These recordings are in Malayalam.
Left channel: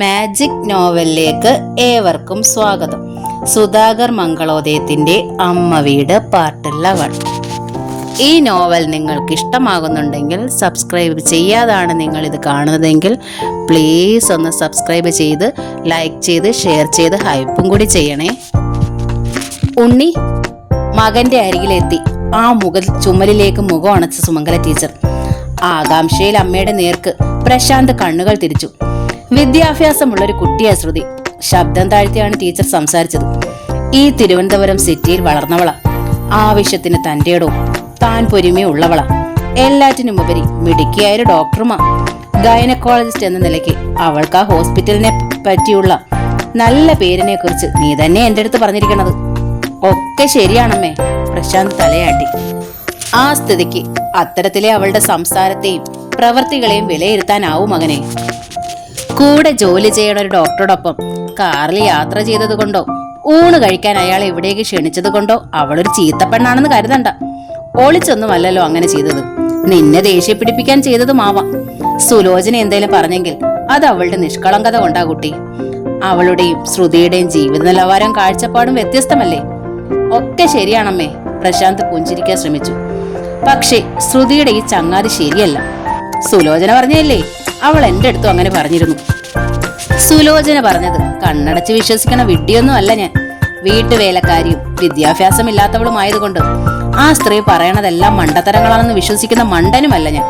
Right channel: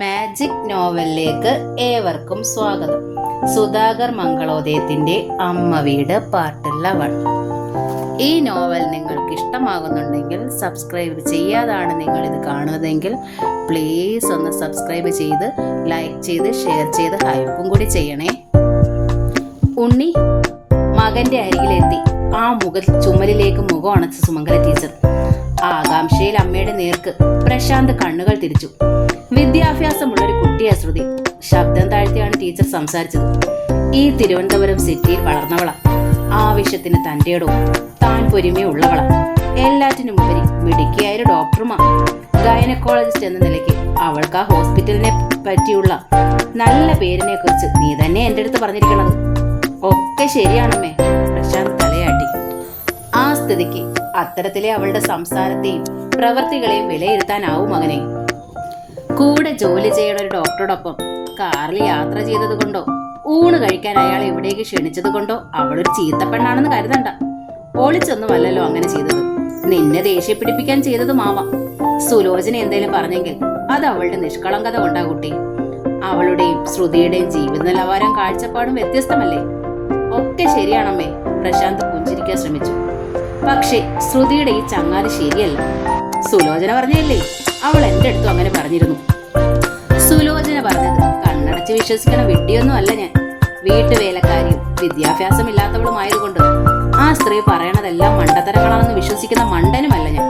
മാജിക് നോവലിലേക്ക് ഏവർക്കും സ്വാഗതം. സുധാകർ മംഗളോദയത്തിന്റെ അമ്മ വീട് പാർട്ട് 11. ഈ നോവൽ നിങ്ങൾക്ക് ഇഷ്ടമാകുന്നുണ്ടെങ്കിൽ സബ്സ്ക്രൈബ് ചെയ്യാതാണ് നിങ്ങൾ ഇത് കാണുന്നതെങ്കിൽ പ്ലീസ് ഒന്ന് സബ്സ്ക്രൈബ് ചെയ്ത് ലൈക്ക് ചെയ്ത് ഷെയർ ചെയ്ത് ഹൈപ്പും കൂടി ചെയ്യണേ. ഉണ്ണി മകന്റെ അരികിലെത്തി ആ ചുമലിലേക്ക് മുഖം അണച്ച സുമംഗല ടീച്ചർ. ആകാംക്ഷയിൽ അമ്മയുടെ നേർക്ക് പ്രശാന്ത് കണ്ണുകൾ തിരിച്ചു. വിദ്യാഭ്യാസമുള്ളൊരു കുട്ടിയാ ശ്രുതി. ശബ്ദം താഴ്ത്തിയാണ് ടീച്ചർ സംസാരിച്ചത്. ഈ തിരുവനന്തപുരം സിറ്റിയിൽ വളർന്നവളാ. ആവശ്യത്തിന് തന്റെയിടവും താൻ പൊരുമയുള്ളവളാ. എല്ലാറ്റിനും ഉപരി മിടുക്കിയായൊരു ഡോക്ടറുമാ. ഗൈനക്കോളജിസ്റ്റ് എന്ന നിലയ്ക്ക് അവൾക്ക് ആ ഹോസ്പിറ്റലിനെ പറ്റിയുള്ള നല്ല പേരിനെ കുറിച്ച് നീ തന്നെ എന്റെ അടുത്ത് പറഞ്ഞിരിക്കണത്. ഒക്കെ ശരിയാണമ്മേ, പ്രശാന്ത് തലയാട്ടി. ആ സ്ഥിതിക്ക് അത്തരത്തിലെ അവളുടെ സംസാരത്തെയും പ്രവൃത്തികളെയും വിലയിരുത്താനാവും മകനെ. കൂടെ ജോലി ചെയ്യണ ഒരു ഡോക്ടറോടൊപ്പം കാറിൽ യാത്ര ചെയ്തത് കൊണ്ടോ ഊണ് കഴിക്കാൻ അയാൾ എവിടേക്ക് ക്ഷണിച്ചത് കൊണ്ടോ അവളൊരു ചീത്തപ്പെണ്ണാണെന്ന് കരുതണ്ട. ഒളിച്ചൊന്നുമല്ലല്ലോ അങ്ങനെ ചെയ്തത്. നിന്നെ ദേഷ്യം പിടിപ്പിക്കാൻ ചെയ്തതുമാവാം. സുലോചന എന്തേലും പറഞ്ഞെങ്കിൽ അത് അവളുടെ നിഷ്കളങ്കത കൊണ്ടാ കുട്ടി. അവളുടെയും ശ്രുതിയുടെയും ജീവിത നിലവാരം കാഴ്ചപ്പാടും വ്യത്യസ്തമല്ലേ. ഒക്കെ ശരിയാണമ്മേ, പ്രശാന്ത് പുഞ്ചിരിക്കാൻ ശ്രമിച്ചു. പക്ഷേ ശ്രുതിയുടെ ഈ ചങ്ങാതി ശരിയല്ല. സുലോചന പറഞ്ഞല്ലേ, അവൾ എന്റെ അടുത്തും അങ്ങനെ പറഞ്ഞിരുന്നു. സുലോചന പറഞ്ഞത് കണ്ണടച്ച് വിശ്വസിക്കണ വിഡ്ഢിയൊന്നും അല്ല ഞാൻ. വീട്ടുവേലക്കാരിയും വിദ്യാഭ്യാസമില്ലാത്തവളുമായതുകൊണ്ട് ആ സ്ത്രീ പറയണതെല്ലാം മണ്ടത്തരങ്ങളാണെന്ന് വിശ്വസിക്കുന്ന മണ്ടനുമല്ല ഞാൻ.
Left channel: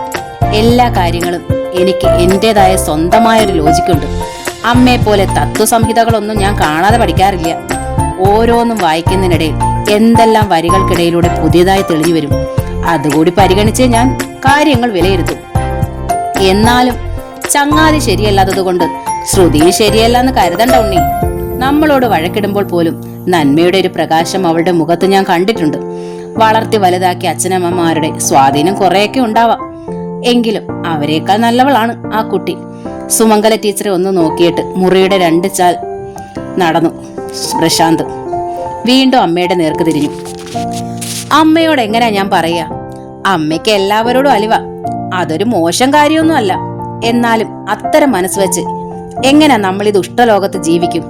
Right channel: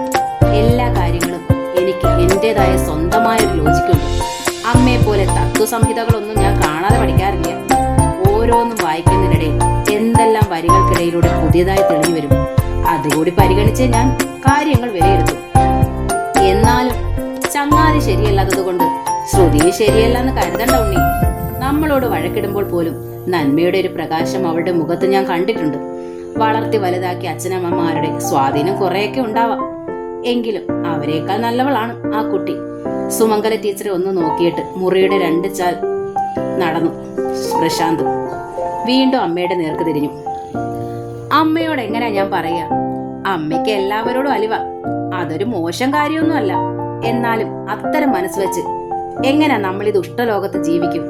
എല്ലാ കാര്യങ്ങളും എനിക്ക് എന്റേതായ സ്വന്തമായൊരു ലോജിക്കുണ്ട്. അമ്മയെ പോലെ തത്വസംഹിതകളൊന്നും ഞാൻ കാണാതെ പഠിക്കാറില്ല. ഓരോന്നും വായിക്കുന്നതിനിടയിൽ എന്തെല്ലാം വരികൾക്കിടയിലൂടെ പുതിയതായി തെളിഞ്ഞു വരും. അതുകൂടി പരിഗണിച്ച് ഞാൻ കാര്യങ്ങൾ വിലയിരുത്തും. എന്നാലും ചങ്ങാതി ശരിയല്ലാത്തതുകൊണ്ട് ശ്രുതി ശരിയല്ലെന്ന് കരുതണ്ട ഉണ്ണി. നമ്മളോട് വഴക്കിടുമ്പോൾ പോലും നന്മയുടെ ഒരു പ്രകാശം അവളുടെ മുഖത്ത് ഞാൻ കണ്ടിട്ടുണ്ട്. വളർത്തി വലുതാക്കിയ അച്ഛനമ്മമാരുടെ സ്വാധീനം കുറെയൊക്കെ ഉണ്ടാവാം. എങ്കിലും അവരെക്കാൾ നല്ലവളാണ് ആ കുട്ടി. സുമംഗല ടീച്ചറെ ഒന്ന് നോക്കിയിട്ട് മുറിയുടെ 2 ചാൽ നടന്നു പ്രശാന്ത്. വീണ്ടും അമ്മയുടെ നേർക്ക് തിരിഞ്ഞു. അമ്മയോട് എങ്ങനെയാ ഞാൻ പറയാ? അമ്മയ്ക്ക് എല്ലാവരോടും അലിവ. അതൊരു മോശം കാര്യമൊന്നും അല്ല. എന്നാലും അത്തരം മനസ്സ് വെച്ച് എങ്ങനെ നമ്മൾ ഈ ദുഷ്ടലോകത്ത് ജീവിക്കും?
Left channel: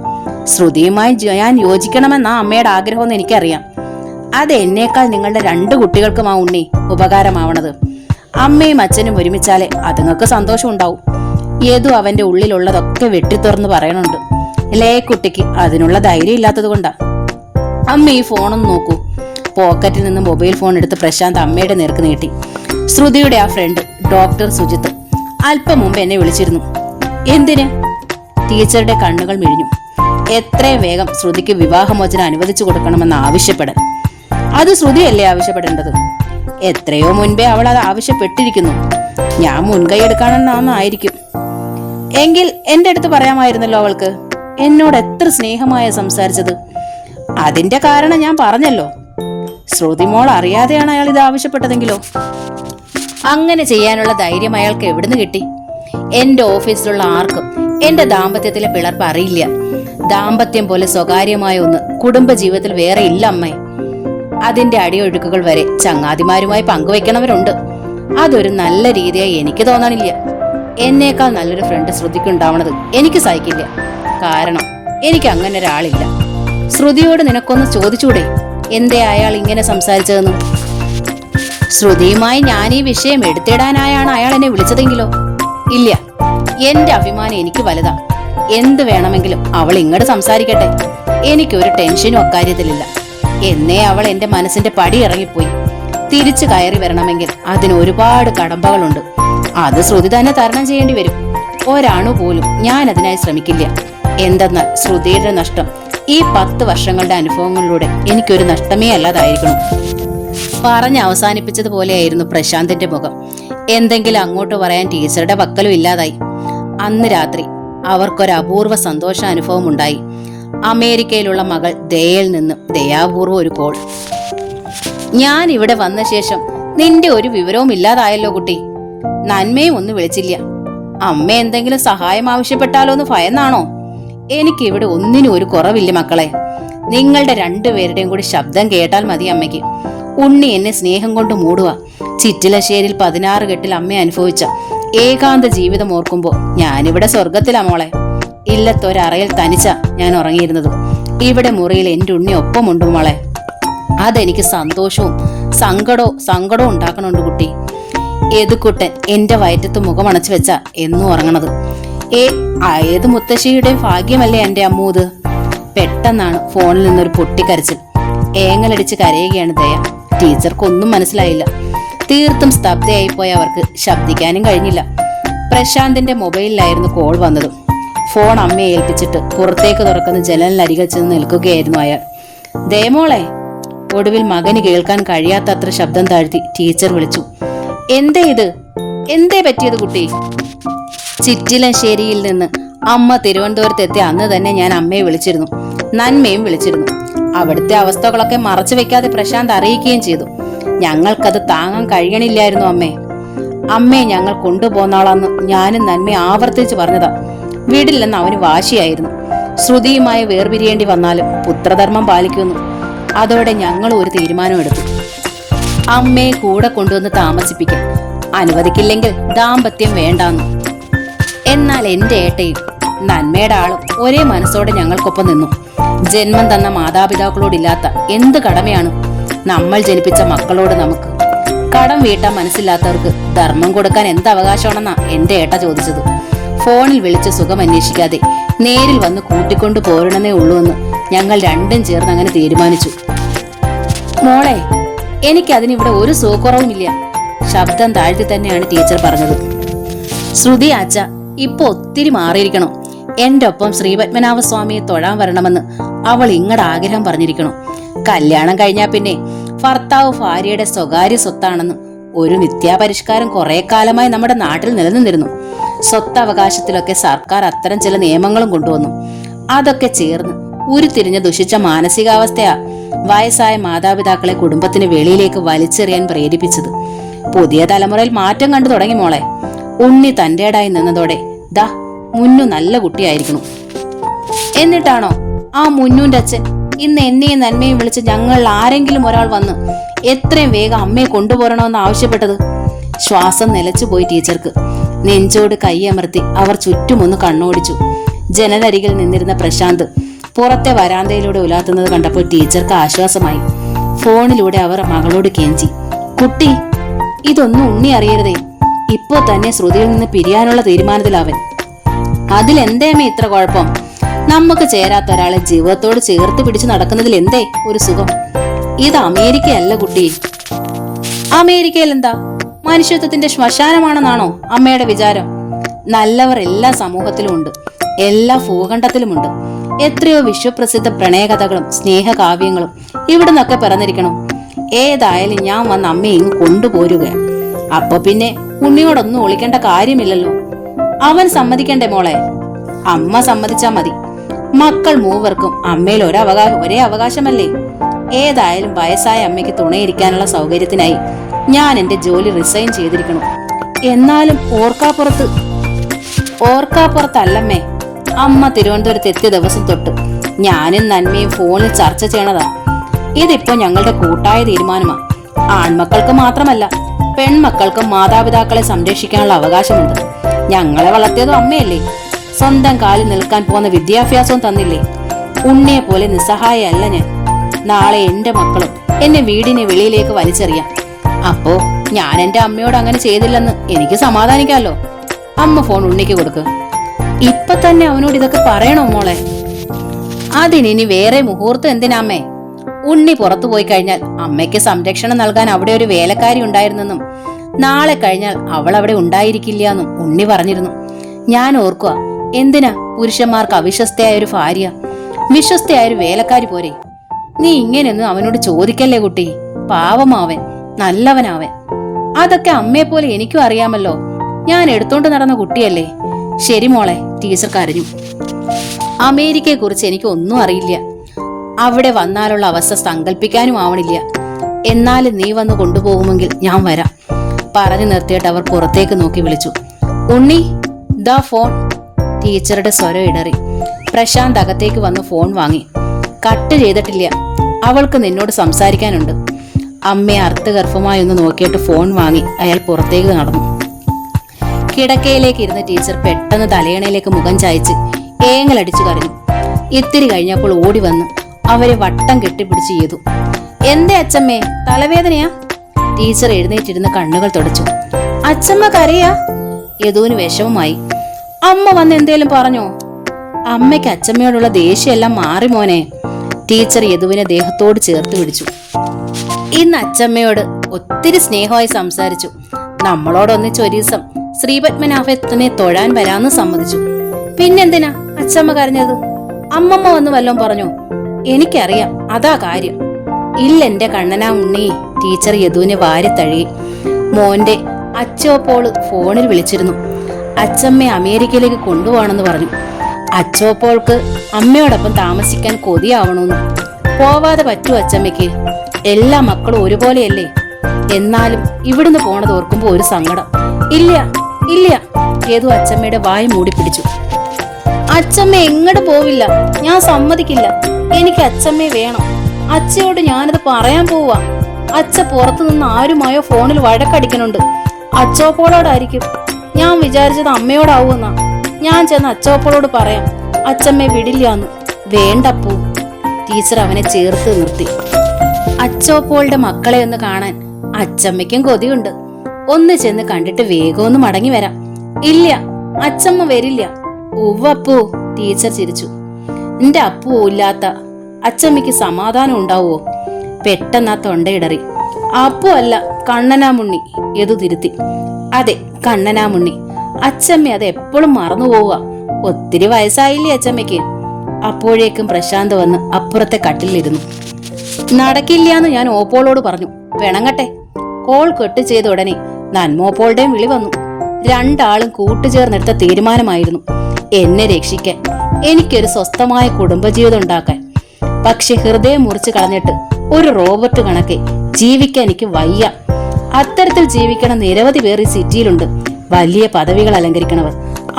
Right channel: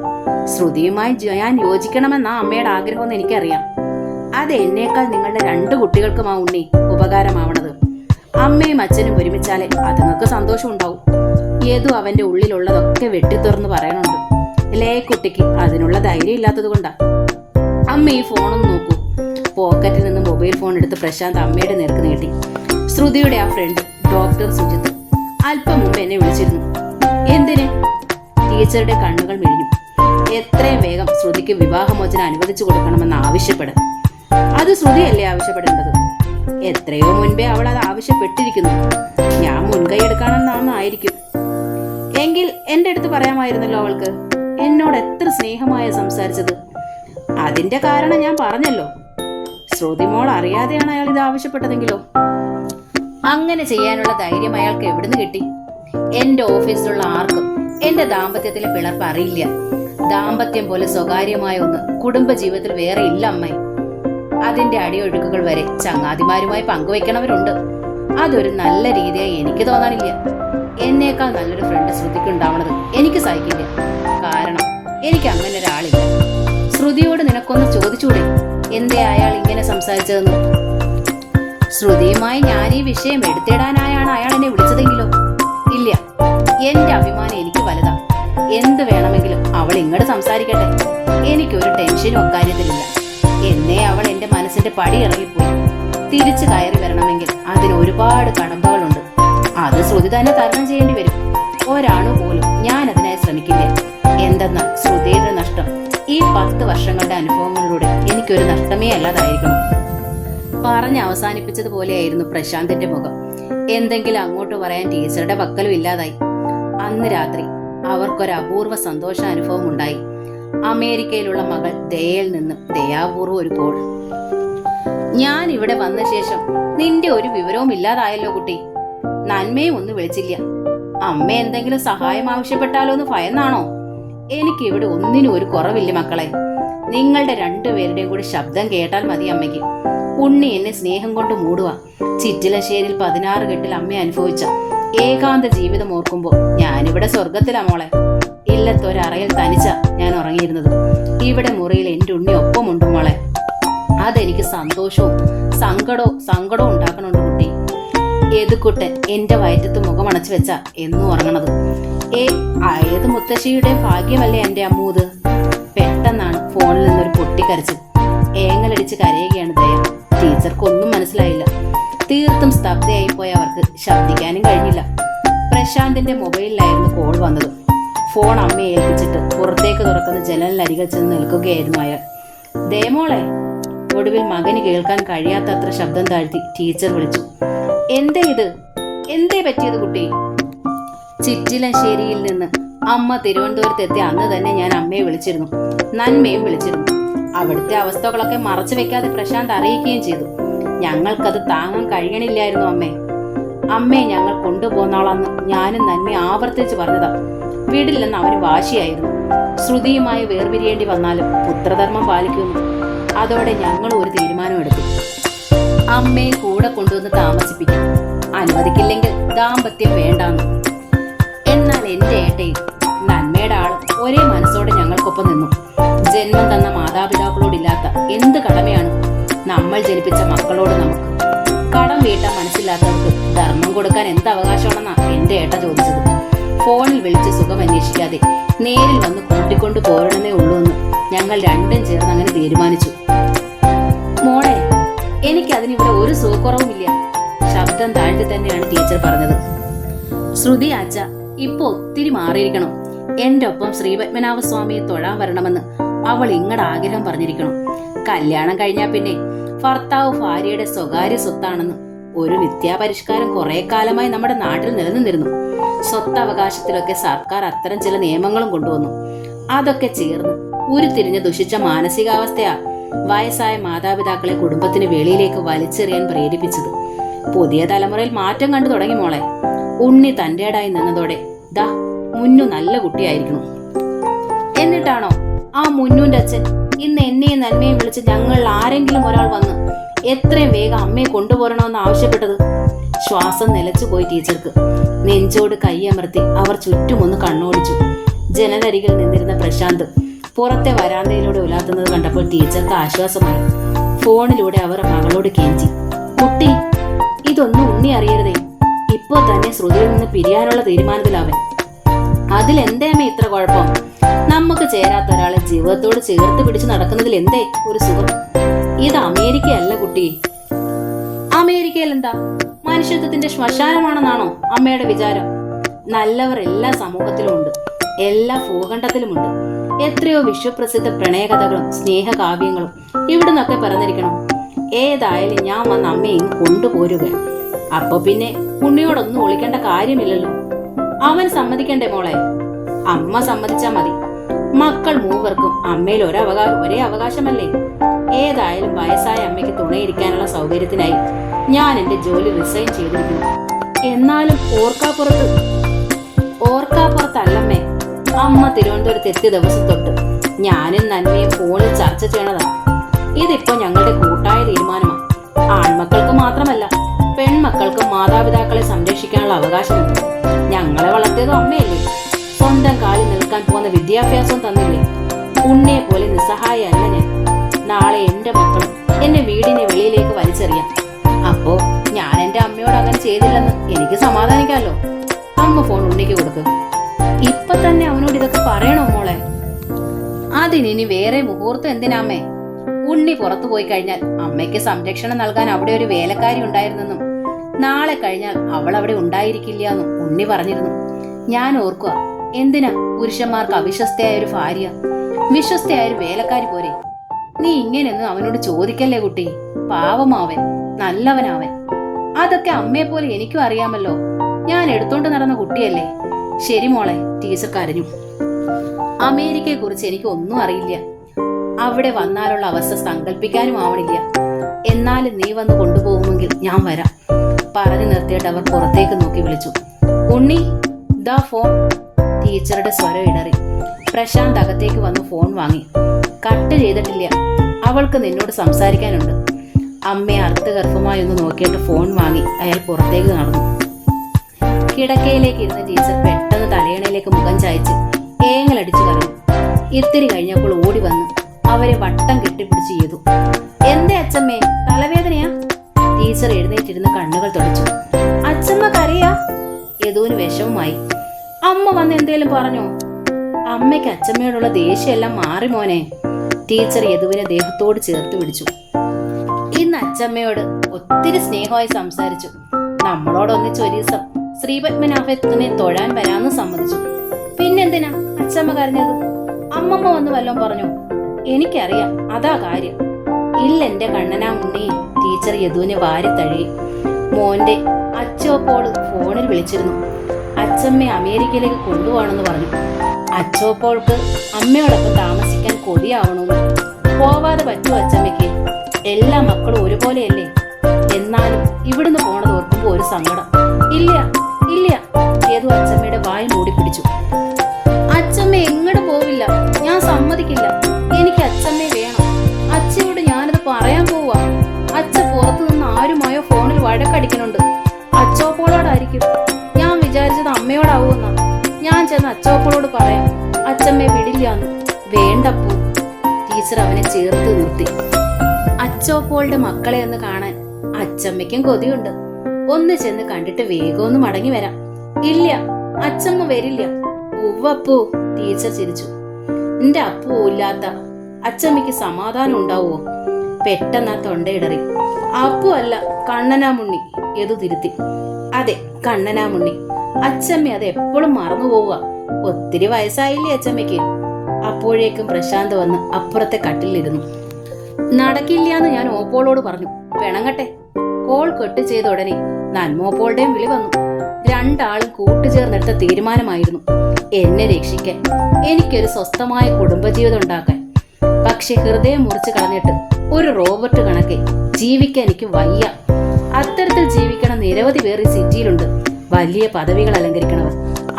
ശ്രുതിയുമായി ഞാൻ യോജിക്കണമെന്നാ അമ്മയുടെ ആഗ്രഹമെന്ന് എനിക്കറിയാം. അത് എന്നേക്കാൾ നിങ്ങളുടെ 2 കുട്ടികൾക്കും ആ ഉണ്ണി ഉപകാരമാവണത്. അമ്മയും അച്ഛനും ഒരുമിച്ചാലേ അതുങ്ങൾക്ക് സന്തോഷം ഉണ്ടാവും. ഏതു അവന്റെ ഉള്ളിലുള്ളതൊക്കെ വെട്ടിത്തുറന്ന് പറയണുണ്ട്. കുട്ടിക്ക് അതിനുള്ള ധൈര്യം ഇല്ലാത്തത് കൊണ്ടാ. അമ്മ ഈ ഫോണൊന്ന് നോക്കൂ. പോക്കറ്റിൽ നിന്ന് മൊബൈൽ ഫോൺ എടുത്ത് പ്രശാന്ത് അമ്മയുടെ നേർക്ക് നീട്ടി. ശ്രുതിയുടെ ആ ഫ്രണ്ട് ഡോക്ടർ സുജിത്ത് അല്പം മുമ്പ് എന്നെ വിളിച്ചിരുന്നു. എന്തിന്? ടീച്ചറുടെ കണ്ണുകൾ മിഴിഞ്ഞു. എത്രയും വേഗം ശ്രുതിക്ക് വിവാഹമോചനം അനുവദിച്ചു കൊടുക്കണമെന്ന് ആവശ്യപ്പെടാൻ. അത് ശ്രുതിയല്ലേ ആവശ്യപ്പെടേണ്ടത്? എത്രയോ മുൻപേ അവൾ അത് ആവശ്യപ്പെട്ടിരിക്കുന്നു. ഞാൻ മുൻകൈ എടുക്കാനെന്നായിരിക്കും. എങ്കിൽ എന്റെ അടുത്ത് പറയാമായിരുന്നല്ലോ അവൾക്ക്. എന്നോട് എത്ര സ്നേഹമായ സംസാരിച്ചത്. അതിന്റെ കാരണം ഞാൻ പറഞ്ഞല്ലോ. ശ്രുതിമോൾ അറിയാതെയാണ് അയാൾ ഇത് ആവശ്യപ്പെട്ടതെങ്കിലോ? അങ്ങനെ ചെയ്യാനുള്ള ധൈര്യം അയാൾക്ക് എവിടുന്ന് കിട്ടി? എന്റെ ഓഫീസിലുള്ള ആർക്കും എന്റെ ദാമ്പത്യത്തിലെ പിളർപ്പ് അറിയില്ല. ദാമ്പത്യം പോലെ സ്വകാര്യമായ ഒന്ന് കുടുംബജീവിതത്തിൽ വേറെ ഇല്ല അമ്മേ. അതിന്റെ അടിയൊഴുക്കുകൾ വരെ ചങ്ങാതിമാരുമായി പങ്കുവെക്കണവരുണ്ട്. അതൊരു നല്ല രീതിയായി എനിക്ക് തോന്നണില്ല. എന്നേക്കാൾ നല്ലൊരു ഫ്രണ്ട് ശ്രുതിക്ക് ഉണ്ടാവണത് എനിക്ക് സഹിക്കില്ല. കാരണം എനിക്ക് അങ്ങനെ ഒരാളില്ല. ശ്രുതിയോട് നിനക്കൊന്ന് ചോദിച്ചൂടെ എന്തേ അയാൾ ഇങ്ങനെ സംസാരിച്ചതെന്ന്? ശ്രുതിയുമായി ഞാൻ ഈ വിഷയം എടുത്തിടാനായാണ് അയാൾ എന്നെ വിളിച്ചതെങ്കിലോ? ഇല്ല, എന്റെ അഭിമാനം എനിക്ക് വലുതാ. എന്ത് വേണമെങ്കിലും അവൾ ഇങ്ങോട്ട് സംസാരിക്കട്ടെ. എനിക്കൊരു ടെൻഷനും അക്കാര്യത്തിലില്ല. എന്നേ അവൾ എന്റെ മനസ്സിന്റെ പടി ഇറങ്ങിപ്പോയി. തിരിച്ചു കയറി വരണമെങ്കിൽ അതിന് ഒരുപാട് കടമ്പകളുണ്ട്. അത് ശ്രുതി തന്നെ തരണം ചെയ്യേണ്ടി വരും. ഒരാണു പോലും ഞാൻ അതിനായി ശ്രമിക്കില്ല. എന്തെന്നാൽ ശ്രുതിയുടെ നഷ്ടം ഈ 10 വർഷങ്ങളുടെ അനുഭവങ്ങളിലൂടെ എനിക്കൊരു നഷ്ടമേ അല്ലാതായിരിക്കണം. പറഞ്ഞ് അവസാനിപ്പിച്ചതുപോലെയായിരുന്നു പ്രശാന്തിന്റെ മുഖം. എന്തെങ്കിലും അങ്ങോട്ട് പറയാൻ ടീച്ചറുടെ വക്കലും ഇല്ലാതായി. അന്ന് രാത്രി അവർക്കൊരു അപൂർവ സന്തോഷാനുഭവം ഉണ്ടായി. അമേരിക്കയിലുള്ള മകൾ ദയയിൽ നിന്നും ദയാപൂർവ്വം ഒരു കോൾ. ഞാൻ ഇവിടെ വന്ന ശേഷം നിന്റെ ഒരു വിവരവും ഇല്ലാതായല്ലോ കുട്ടി. നന്മയും ഒന്നും വിളിച്ചില്ല. അമ്മ എന്തെങ്കിലും സഹായം ആവശ്യപ്പെട്ടാലോ എന്ന് ഭയന്നാണോ? എനിക്ക് ഇവിടെ ഒന്നിനും ഒരു കുറവില്ല മക്കളെ. നിങ്ങളുടെ 2 പേരുടെയും കൂടി ശബ്ദം കേട്ടാൽ മതി അമ്മയ്ക്ക്. ഉണ്ണി എന്നെ സ്നേഹം കൊണ്ട് മൂടുക. ചിറ്റിലശ്ശേരിയിൽ 16 കെട്ടിൽ അമ്മ അനുഭവിച്ച ഏകാന്ത ജീവിതം ഓർക്കുമ്പോ ഞാനിവിടെ സ്വർഗത്തിലാ മോളെ. ഇല്ലത്തൊരറയിൽ തനിച്ച ഞാൻ ഉറങ്ങിയിരുന്നത്. ഇവിടെ മുറിയിൽ എൻ്റെ ഉണ്ണി ഒപ്പമുണ്ട് മോളെ. അതെനിക്ക് സന്തോഷവും സങ്കടവും ഉണ്ടാക്കണുണ്ട് കുട്ടി. ഏതുകുട്ടൻ എന്റെ വയറ്റത്ത് മുഖമണച്ചു വെച്ച എന്നും ഉറങ്ങണത്. ഏത് മുത്തശ്ശിയുടെയും ഭാഗ്യമല്ലേ എൻ്റെ അമ്മൂത്. പെട്ടെന്നാണ് ഫോണിൽ നിന്നൊരു പൊട്ടിക്കരച്ചിൽ. ഏങ്ങലടിച്ച് കരയുകയാണ് ദയ. ടീച്ചർക്കൊന്നും മനസ്സിലായില്ല. തീർത്തും സ്തബ്ധയായി പോയ അവർക്ക് ശബ്ദിക്കാനും കഴിഞ്ഞില്ല. പ്രശാന്തിന്റെ മൊബൈലിലായിരുന്നു കോൾ വന്നത്. ഫോൺ അമ്മയെ ഏൽപ്പിച്ചിട്ട് പുറത്തേക്ക് തുറക്കുന്ന ജനലിനരികിൽ ചെന്ന് നിൽക്കുകയായിരുന്നു അയാൾ. ദയമോളെ. ഒടുവിൽ മകന് കേൾക്കാൻ കഴിയാത്തത്ര ശബ്ദം താഴ്ത്തി ടീച്ചർ വിളിച്ചു. എന്തേ പറ്റിയത് കുട്ടി? ചിറ്റിലശ്ശേരിയിൽ നിന്ന് അമ്മ തിരുവനന്തപുരത്ത് എത്തിയ അന്ന് തന്നെ ഞാൻ അമ്മയെ വിളിച്ചിരുന്നു, നന്മയും വിളിച്ചിരുന്നു. അവിടുത്തെ അവസ്ഥകളൊക്കെ മറച്ചു വെക്കാതെ പ്രശാന്ത് അറിയിക്കുകയും ചെയ്തു. ഞങ്ങൾക്കത് താങ്ങാൻ കഴിയണില്ലായിരുന്നു അമ്മയെ ഞങ്ങൾ കൊണ്ടുപോന്നോളാന്ന് ഞാനും നന്മയെ ആവർത്തിച്ച് പറഞ്ഞതാ. വീടില്ലെന്ന് അവന് വാശിയായിരുന്നു. ശ്രുതിയുമായി വേർപിരിയേണ്ടി വന്നാലും പുത്രധർമ്മം പാലിക്കുന്നു. അതോടെ ഞങ്ങൾ ഒരു തീരുമാനം എടുത്തു. അമ്മയെ കൂടെ കൊണ്ടുവന്ന് താമസിപ്പിക്കും. അനുവദിക്കില്ലെങ്കിൽ ദാമ്പത്യം വേണ്ടാന്ന്. എന്നാൽ എന്റെ ഏട്ടയും നന്മയുടെ ആളും ഒരേ മനസ്സോടെ ഞങ്ങൾക്കൊപ്പം നിന്നു. ജന്മം തന്ന മാതാപിതാക്കളോടില്ലാത്ത എന്ത് കടമയാണ് നമ്മൾ ജനിപ്പിച്ച മക്കളോട് നമുക്ക്? കടം വീട്ടാൻ മനസ്സില്ലാത്തവർക്ക് ധർമ്മം കൊടുക്കാൻ എന്ത് അവകാശമാണെന്നാ എന്റെ ഏട്ട ചോദിച്ചത്. ഫോണിൽ വിളിച്ച് സുഖം അന്വേഷിക്കാതെ നേരിൽ വന്ന് കൂട്ടിക്കൊണ്ടു പോരണേ ഉള്ളൂ എന്ന് ഞങ്ങൾ രണ്ടും ചേർന്ന് അങ്ങനെ തീരുമാനിച്ചു. മോളെ, എനിക്കതിനിവിടെ ഒരു സുഖക്കുറവുമില്ല. ശബ്ദം താഴ്ത്തി തന്നെയാണ് ടീച്ചർ പറഞ്ഞത്. ശ്രുതി ആച്ച ഇപ്പൊ ഒത്തിരി മാറിയിരിക്കണം. എന്റെ ഒപ്പം ശ്രീപത്മനാഭസ്വാമിയെ തൊഴാൻ വരണമെന്ന് അവൾ ഇങ്ങടെ ആഗ്രഹം പറഞ്ഞിരിക്കണം. കല്യാണം കഴിഞ്ഞാ പിന്നെ ഭർത്താവ് ഭാര്യയുടെ സ്വകാര്യ സ്വത്താണെന്ന് ഒരു മിഥ്യാപരിഷ്കാരം കുറെ കാലമായി നമ്മുടെ നാട്ടിൽ നിലനിന്നിരുന്നു. സ്വത്തവകാശത്തിലൊക്കെ സർക്കാർ അത്തരം ചില നിയമങ്ങളും കൊണ്ടുവന്നു. അതൊക്കെ ചേർന്ന് ഉരുത്തിരിഞ്ഞ ദുഷിച്ച മാനസികാവസ്ഥയാ വയസ്സായ മാതാപിതാക്കളെ കുടുംബത്തിന് വെളിയിലേക്ക് വലിച്ചെറിയാൻ പ്രേരിപ്പിച്ചത്. പുതിയ തലമുറയിൽ മാറ്റം കണ്ടു തുടങ്ങി മോളെ. ഉണ്ണി തന്റേടായി നിന്നതോടെ ദാ മുന്നു നല്ല കുട്ടിയായിരിക്കുന്നു. എന്നിട്ടാണോ ആ മുന്നുന്റെ അച്ഛൻ ഇന്ന് എന്നെയും നന്മയും വിളിച്ച് ഞങ്ങൾ ആരെങ്കിലും ഒരാൾ വന്ന് എത്രയും വേഗം അമ്മയെ കൊണ്ടുപോരണമെന്ന് ആവശ്യപ്പെട്ടത്? ശ്വാസം നിലച്ചുപോയി ടീച്ചർക്ക്. നെഞ്ചോട് കൈയമർത്തി അവർ ചുറ്റുമൊന്ന് കണ്ണോടിച്ചു. ജനലരികിൽ നിന്നിരുന്ന പ്രശാന്ത് പുറത്തെ വരാന്തയിലൂടെ ഉലാത്തുന്നത് കണ്ടപ്പോൾ ടീച്ചർക്ക് ആശ്വാസമായി. ഫോണിലൂടെ അവർ മകളോട് കെഞ്ചി. കുട്ടി, ഇതൊന്നും ഉണ്ണി അറിയരുതേ. ഇപ്പോ തന്നെ ശ്രുതിയിൽ നിന്ന് പിരിയാനുള്ള തീരുമാനത്തിലാവൻ. അതിലെന്തേമേ ഇത്ര കുഴപ്പം? നമുക്ക് ചേരാത്ത ഒരാളെ ജീവിതത്തോട് ചേർത്ത് പിടിച്ചു നടക്കുന്നതിൽ എന്തേ ഒരു സുഖം? ഇത് അമേരിക്കയല്ല കുട്ടി. അമേരിക്കയിൽ എന്താ മനുഷ്യത്വത്തിന്റെ ശ്മശാനമാണെന്നാണോ അമ്മയുടെ വിചാരം? നല്ലവർ എല്ലാ സമൂഹത്തിലും ഉണ്ട്, എല്ലാ ഭൂഖണ്ഡത്തിലുമുണ്ട്. എത്രയോ വിശ്വപ്രസിദ്ധ പ്രണയകഥകളും സ്നേഹകാവ്യങ്ങളും ഇവിടെ നിന്നൊക്കെ പിറന്നിരിക്കണം. ഏതായാലും ഞാൻ വന്ന് അമ്മയെ ഇങ്ങ് കൊണ്ടുപോരുക. അപ്പൊ പിന്നെ ഉണ്ണിയോടൊന്നും ഒളിക്കേണ്ട കാര്യമില്ലല്ലോ. അവൻ സമ്മതിക്കണ്ടേ മോളെ? അമ്മ സമ്മതിച്ചാ മതി. മക്കൾ മൂവർക്കും അമ്മയിൽ ഒരേ അവകാശമല്ലേ? ഏതായാലും വയസ്സായ അമ്മയ്ക്ക് തുണയിരിക്കാനുള്ള സൗകര്യത്തിനായി ഞാൻ എന്റെ ജോലി റിസൈൻ ചെയ്തിരിക്കണം. എന്നാലും ഓർക്കാപ്പുറത്തല്ലമ്മേ. അമ്മ തിരുവനന്തപുരത്ത് എത്തിയ ദിവസം തൊട്ട് ഞാനും നന്മയും ഫോണിൽ ചർച്ച ചെയ്യണതാ. ഇതിപ്പോ ഞങ്ങളുടെ കൂട്ടായ തീരുമാനമാ. ആൺമക്കൾക്ക് മാത്രമല്ല, പെൺമക്കൾക്കും മാതാപിതാക്കളെ സംരക്ഷിക്കാനുള്ള അവകാശമുണ്ട്. ഞങ്ങളെ വളർത്തിയതും അമ്മയല്ലേ. സ്വന്തം കാലിൽ നിൽക്കാൻ പോകുന്ന വിദ്യാഭ്യാസവും തന്നില്ലേ. ഉണ്ണിയെ പോലെ നിസ്സഹായല്ല ഞാൻ. നാളെ എന്റെ മക്കളും എന്നെ വീടിനെ വെളിയിലേക്ക് വലിച്ചെറിയാം. അപ്പോ ഞാൻ എന്റെ അമ്മയോട് അങ്ങനെ ചെയ്തില്ലെന്ന് എനിക്ക് സമാധാനിക്കാമല്ലോ. അമ്മ ഫോൺ ഉണ്ണിക്ക് കൊടുക്ക്. ഇപ്പൊ തന്നെ അവനോട് ഇതൊക്കെ പറയണോ മോളെ? അതിനി വേറെ മുഹൂർത്തം എന്തിനാമ്മേ? ഉണ്ണി പുറത്തു പോയി കഴിഞ്ഞാൽ അമ്മയ്ക്ക് സംരക്ഷണം നൽകാൻ അവിടെ ഒരു വേലക്കാരി ഉണ്ടായിരുന്നെന്നും നാളെ കഴിഞ്ഞാൽ അവൾ അവിടെ ഉണ്ടായിരിക്കില്ല എന്നും ഉണ്ണി പറഞ്ഞിരുന്നു. ഞാൻ ഓർക്കുക, എന്തിനാ പുരുഷന്മാർക്ക് അവിശ്വസ്തയായ ഒരു ഭാര്യ, വിശ്വസ്തയായ ഒരു വേലക്കാരി പോരെ? നീ ഇങ്ങനെയൊന്നും അവനോട് ചോദിക്കല്ലേ കുട്ടി. പാവമാവൻ, നല്ലവനാവൻ. അതൊക്കെ അമ്മയെ പോലെ എനിക്കും അറിയാമല്ലോ. ഞാൻ എടുത്തോണ്ട് നടന്ന കുട്ടിയല്ലേ. ശരി മോളെ, ടീച്ചർ കരഞ്ഞു. അമേരിക്കയെ കുറിച്ച് എനിക്ക് ഒന്നും അറിയില്ല. അവിടെ വന്നാലുള്ള അവസ്ഥ സങ്കല്പിക്കാനും ആവണില്ല. എന്നാലും നീ വന്ന് കൊണ്ടുപോകുമെങ്കിൽ ഞാൻ വരാം. പറഞ്ഞു നിർത്തിയിട്ട് അവർ പുറത്തേക്ക് നോക്കി വിളിച്ചു. ഉണ്ണി, ദാ ഫോൺ. ടീച്ചറുടെ സ്വരം ഇടറി. പ്രശാന്ത് അകത്തേക്ക് വന്ന് ഫോൺ വാങ്ങി. കട്ട് ചെയ്തിട്ടില്ല, അവൾക്ക് നിന്നോട് സംസാരിക്കാനുണ്ട്. അമ്മയെ അർത്ഥഗർഭമായി ഒന്ന് നോക്കിയിട്ട് ഫോൺ വാങ്ങി അയാൾ പുറത്തേക്ക് നടന്നു. കിടക്കയിലേക്ക് ഇരുന്ന ടീച്ചർ പെട്ടെന്ന് തലയണയിലേക്ക് മുഖം ചായച്ച് ഏങ്ങലടിച്ചു കരഞ്ഞു. ഇത്തിരി കഴിഞ്ഞപ്പോൾ ഓടി വന്ന് അവരെ വട്ടം കെട്ടിപ്പിടിച്ച് ചെയ്തു. എന്തേ അച്ചമ്മേ, തലവേദനയാ? ടീച്ചർ എഴുന്നേറ്റിരുന്ന് കണ്ണുകൾ തുടച്ചു. അച്ചമ്മ കരയാ? യദുവിന് വിഷമമായി. അമ്മ വന്ന് എന്തേലും പറഞ്ഞോ? അമ്മയ്ക്ക് അച്ചമ്മയോടുള്ള ദേഷ്യമെല്ലാം മാറി മോനെ. ടീച്ചർ യദുവിനെ ദേഹത്തോട് ചേർത്ത് പിടിച്ചു. ഇന്ന് അച്ചമ്മയോട് ഒത്തിരി സ്നേഹമായി സംസാരിച്ചു. നമ്മളോടൊന്നിച്ച് ഒരു ദിവസം ശ്രീപത്മനാഭത്തിനെ തൊഴാൻ വരാന്ന് സമ്മതിച്ചു. പിന്നെന്തിനാ അച്ചമ്മ കരഞ്ഞത്? അമ്മമ്മ വന്ന് വല്ലോം പറഞ്ഞോ? എനിക്കറിയാം, അതാ കാര്യം. ഇല്ലെന്റെ കണ്ണനാ ഉണ്ണി. ടീച്ചർ യദുവിനെ വാരി തഴുകി. മോന്റെ അച്ചോപ്പോൾ ഫോണിൽ വിളിച്ചിരുന്നു. അച്ചമ്മയെ അമേരിക്കയിലേക്ക് കൊണ്ടുപോകണമെന്ന് പറഞ്ഞു. അച്ചോപ്പോൾക്ക് അമ്മയോടൊപ്പം താമസിക്കാൻ കൊതിയാവണമെന്ന്. പോവാതെ പറ്റുമോ അച്ചമ്മയ്ക്ക്? എല്ലാ മക്കളും ഒരുപോലെയല്ലേ? എന്നാലും ഇവിടുന്ന് പോണത് ഓർക്കുമ്പോ ഒരു സങ്കടം. ഇല്ല ഇല്ല, ഏതോ അച്ചമ്മയുടെ വായി മൂടി പിടിച്ചു. അച്ചമ്മ എങ്ങോട്ട് പോവില്ല, ഞാൻ സമ്മതിക്കില്ല. എനിക്ക് അച്ചമ്മയെ വേണം. അച്ഛയോട് ഞാനത് പറയാൻ പോവാ. അച്ഛ പുറത്തു നിന്ന് ആരുമായോ ഫോണിൽ വഴക്കടിക്കുന്നുണ്ട്. അച്ചോപ്പോളോടായിരിക്കും. ഞാൻ വിചാരിച്ചത് അമ്മയോടാവുമെന്നാ. ഞാൻ ചെന്ന് അച്ചോപ്പോളോട് പറയാം, അച്ചമ്മയെ വിടില്ലാന്ന്. വേണ്ടപ്പൂ. ടീച്ചർ അവനെ ചേർത്ത് നിർത്തി. അച്ചോപ്പോളുടെ മക്കളെ ഒന്ന് കാണാൻ അച്ചമ്മയ്ക്കും കൊതിയുണ്ട്. ഒന്ന് ചെന്ന് കണ്ടിട്ട് വേഗം ഒന്ന് മടങ്ങി വരാം. ഇല്ല, അച്ചമ്മ വരില്ല. ഉവ്വപ്പൂ. ടീച്ചർ ചിരിച്ചു. എന്റെ അപ്പൂ ഇല്ലാത്ത അച്ചമ്മയ്ക്ക് സമാധാനം ഉണ്ടാവോ? പെട്ടെന്ന് ആ തൊണ്ടയിടറി. അപ്പു അല്ല, കണ്ണനാമുണ്ണി. യദു തിരുത്തി. അതെ, കണ്ണനാമുണ്ണി. അച്ചമ്മ അത് എപ്പോഴും മറന്നു പോവുക. ഒത്തിരി വയസ്സായില്ലേ അച്ചമ്മയ്ക്ക്? അപ്പോഴേക്കും പ്രശാന്ത് വന്ന് അപ്പുറത്തെ കട്ടിലിരുന്നു. നടക്കില്ലാന്ന് ഞാൻ ഓപ്പോളോട് പറഞ്ഞു. പിണങ്ങട്ടെ. കോൾ കെട്ട് ചെയ്ത ഉടനെ നന്മോപ്പോളുടെയും വിളി വന്നു. രണ്ടാളും കൂട്ടുചേർന്നെടുത്ത തീരുമാനമായിരുന്നു എന്നെ രക്ഷിക്കാൻ, എനിക്കൊരു സ്വസ്ഥമായ കുടുംബജീവിതം ഉണ്ടാക്കാൻ. പക്ഷെ ഹൃദയം മുറിച്ച് കളഞ്ഞിട്ട് ഒരു റോബോട്ട് കണക്കെ ജീവിക്കാൻ എനിക്ക് വയ്യ. അത്തരത്തിൽ ജീവിക്കണ നിരവധി പേർ ഈ സിറ്റിയിലുണ്ട്. വലിയ പദവികൾ അലങ്കരിക്കണവർ.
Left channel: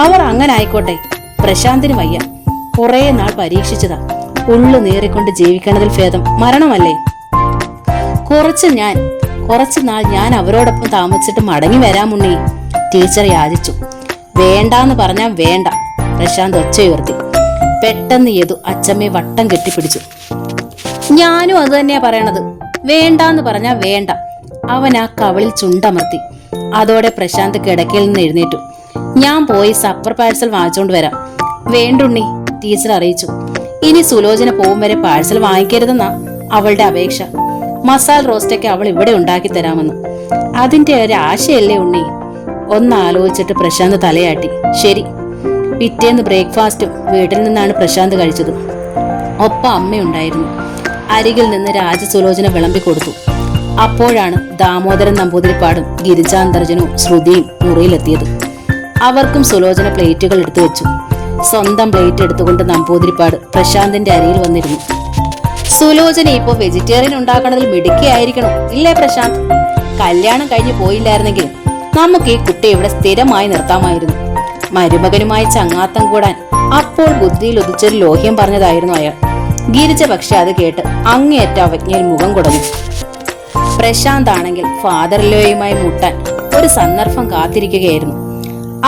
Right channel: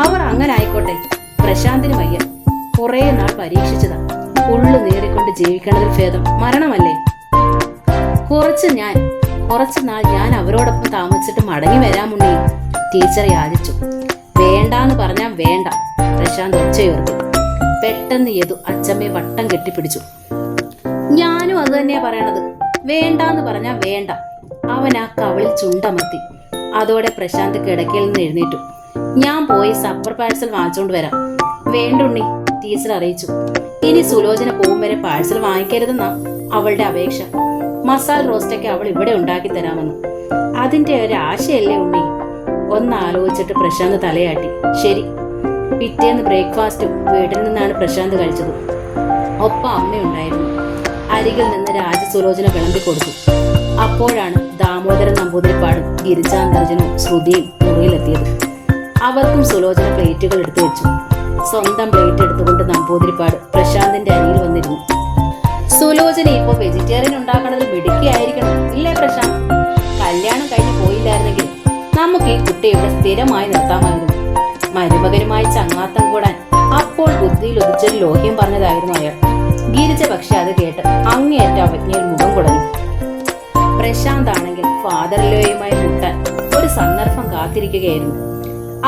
അവർ അങ്ങനെ ആയിക്കോട്ടെ. പ്രശാന്തിന് വയ്യ. കുറെ നാൾ പരീക്ഷിച്ചതാ. ഉള്ളു നേറിക്കൊണ്ട് ജീവിക്കണതിൽ ഭേദം മരണമല്ലേ? കുറച്ചു നാൾ ഞാൻ അവരോടൊപ്പം താമസിച്ചിട്ട് മടങ്ങി വരാമുണ്ണി. ടീച്ചർ യാചിച്ചു. വേണ്ടാന്ന് പറഞ്ഞാൽ വേണ്ട. പ്രശാന്ത് ഒച്ചയുയർത്തി. പെട്ടെന്ന് യദു അച്ചമ്മയെ വട്ടം കെട്ടിപ്പിടിച്ചു. ഞാനും അത് തന്നെയാ പറയണത്. വേണ്ടാന്ന് പറഞ്ഞാ വേണ്ട. അവൻ ആ കവിളിൽ ചുണ്ടമർത്തി. അതോടെ പ്രശാന്ത് കിടക്കയിൽ നിന്ന് എഴുന്നേറ്റു. ഞാൻ പോയി സപ്പർ പാഴ്സൽ വാങ്ങിച്ചോണ്ട് വരാം. വേണ്ടുണ്ണി. ടീച്ചർ അറിയിച്ചു. ഇനി സുലോചന പോകും വരെ പാഴ്സൽ വാങ്ങിക്കരുതെന്നാ അവളുടെ അപേക്ഷ. മസാല റോസ്റ്റൊക്കെ അവൾ ഇവിടെ ഉണ്ടാക്കി തരാമെന്ന്. അതിന്റെ ഒരു ആശയല്ലേ ഉണ്ണി? ഒന്നാലോചിച്ചിട്ട് പ്രശാന്ത് തലയാട്ടി. ശരി. പിറ്റേന്ന് ബ്രേക്ക്ഫാസ്റ്റും വീട്ടിൽ നിന്നാണ് പ്രശാന്ത് കഴിച്ചത്. ഒപ്പം അമ്മയുണ്ടായിരുന്നു. അരികിൽ നിന്ന് രാജസുലോചന വിളമ്പി കൊടുത്തു. അപ്പോഴാണ് ദാമോദരൻ നമ്പൂതിരിപ്പാടും ഗിരിജാന്തർജനും ശ്രുതിയും മുറിയിലെത്തിയത്. അവർക്കും സുലോചന പ്ലേറ്റുകൾ എടുത്തു വെച്ചു. സ്വന്തം പ്ലേറ്റ് എടുത്തുകൊണ്ട് നമ്പൂതിരിപ്പാട് പ്രശാന്തിന്റെ അരിയിൽ വന്നിരുന്നു. സുലോചന ഇപ്പൊ വെജിറ്റേറിയൻ ഉണ്ടാക്കണതിൽ മിടുക്കിയായിരിക്കണം ഇല്ലേ പ്രശാന്ത്? കല്യാണം കഴിഞ്ഞ് പോയില്ലായിരുന്നെങ്കിൽ നമുക്ക് ഈ കുട്ടിയെ ഇവിടെ സ്ഥിരമായി നിർത്താമായിരുന്നു. മരുമകനുമായി ചങ്ങാത്തം കൂടാൻ അപ്പോൾ ബുദ്ധിയിൽ ഉദിച്ചൊരു ലോഹ്യം പറഞ്ഞതായിരുന്നു അയാൾ. ഗിരിജ പക്ഷെ അത് കേട്ട് അങ്ങേയറ്റ അവജ്ഞയിൽ മുഖം കുടഞ്ഞു. പ്രശാന്ത് ആണെങ്കിൽ ഫാദർലോയുമായി മുട്ടാൻ ഒരു സന്ദർഭം കാത്തിരിക്കുകയായിരുന്നു.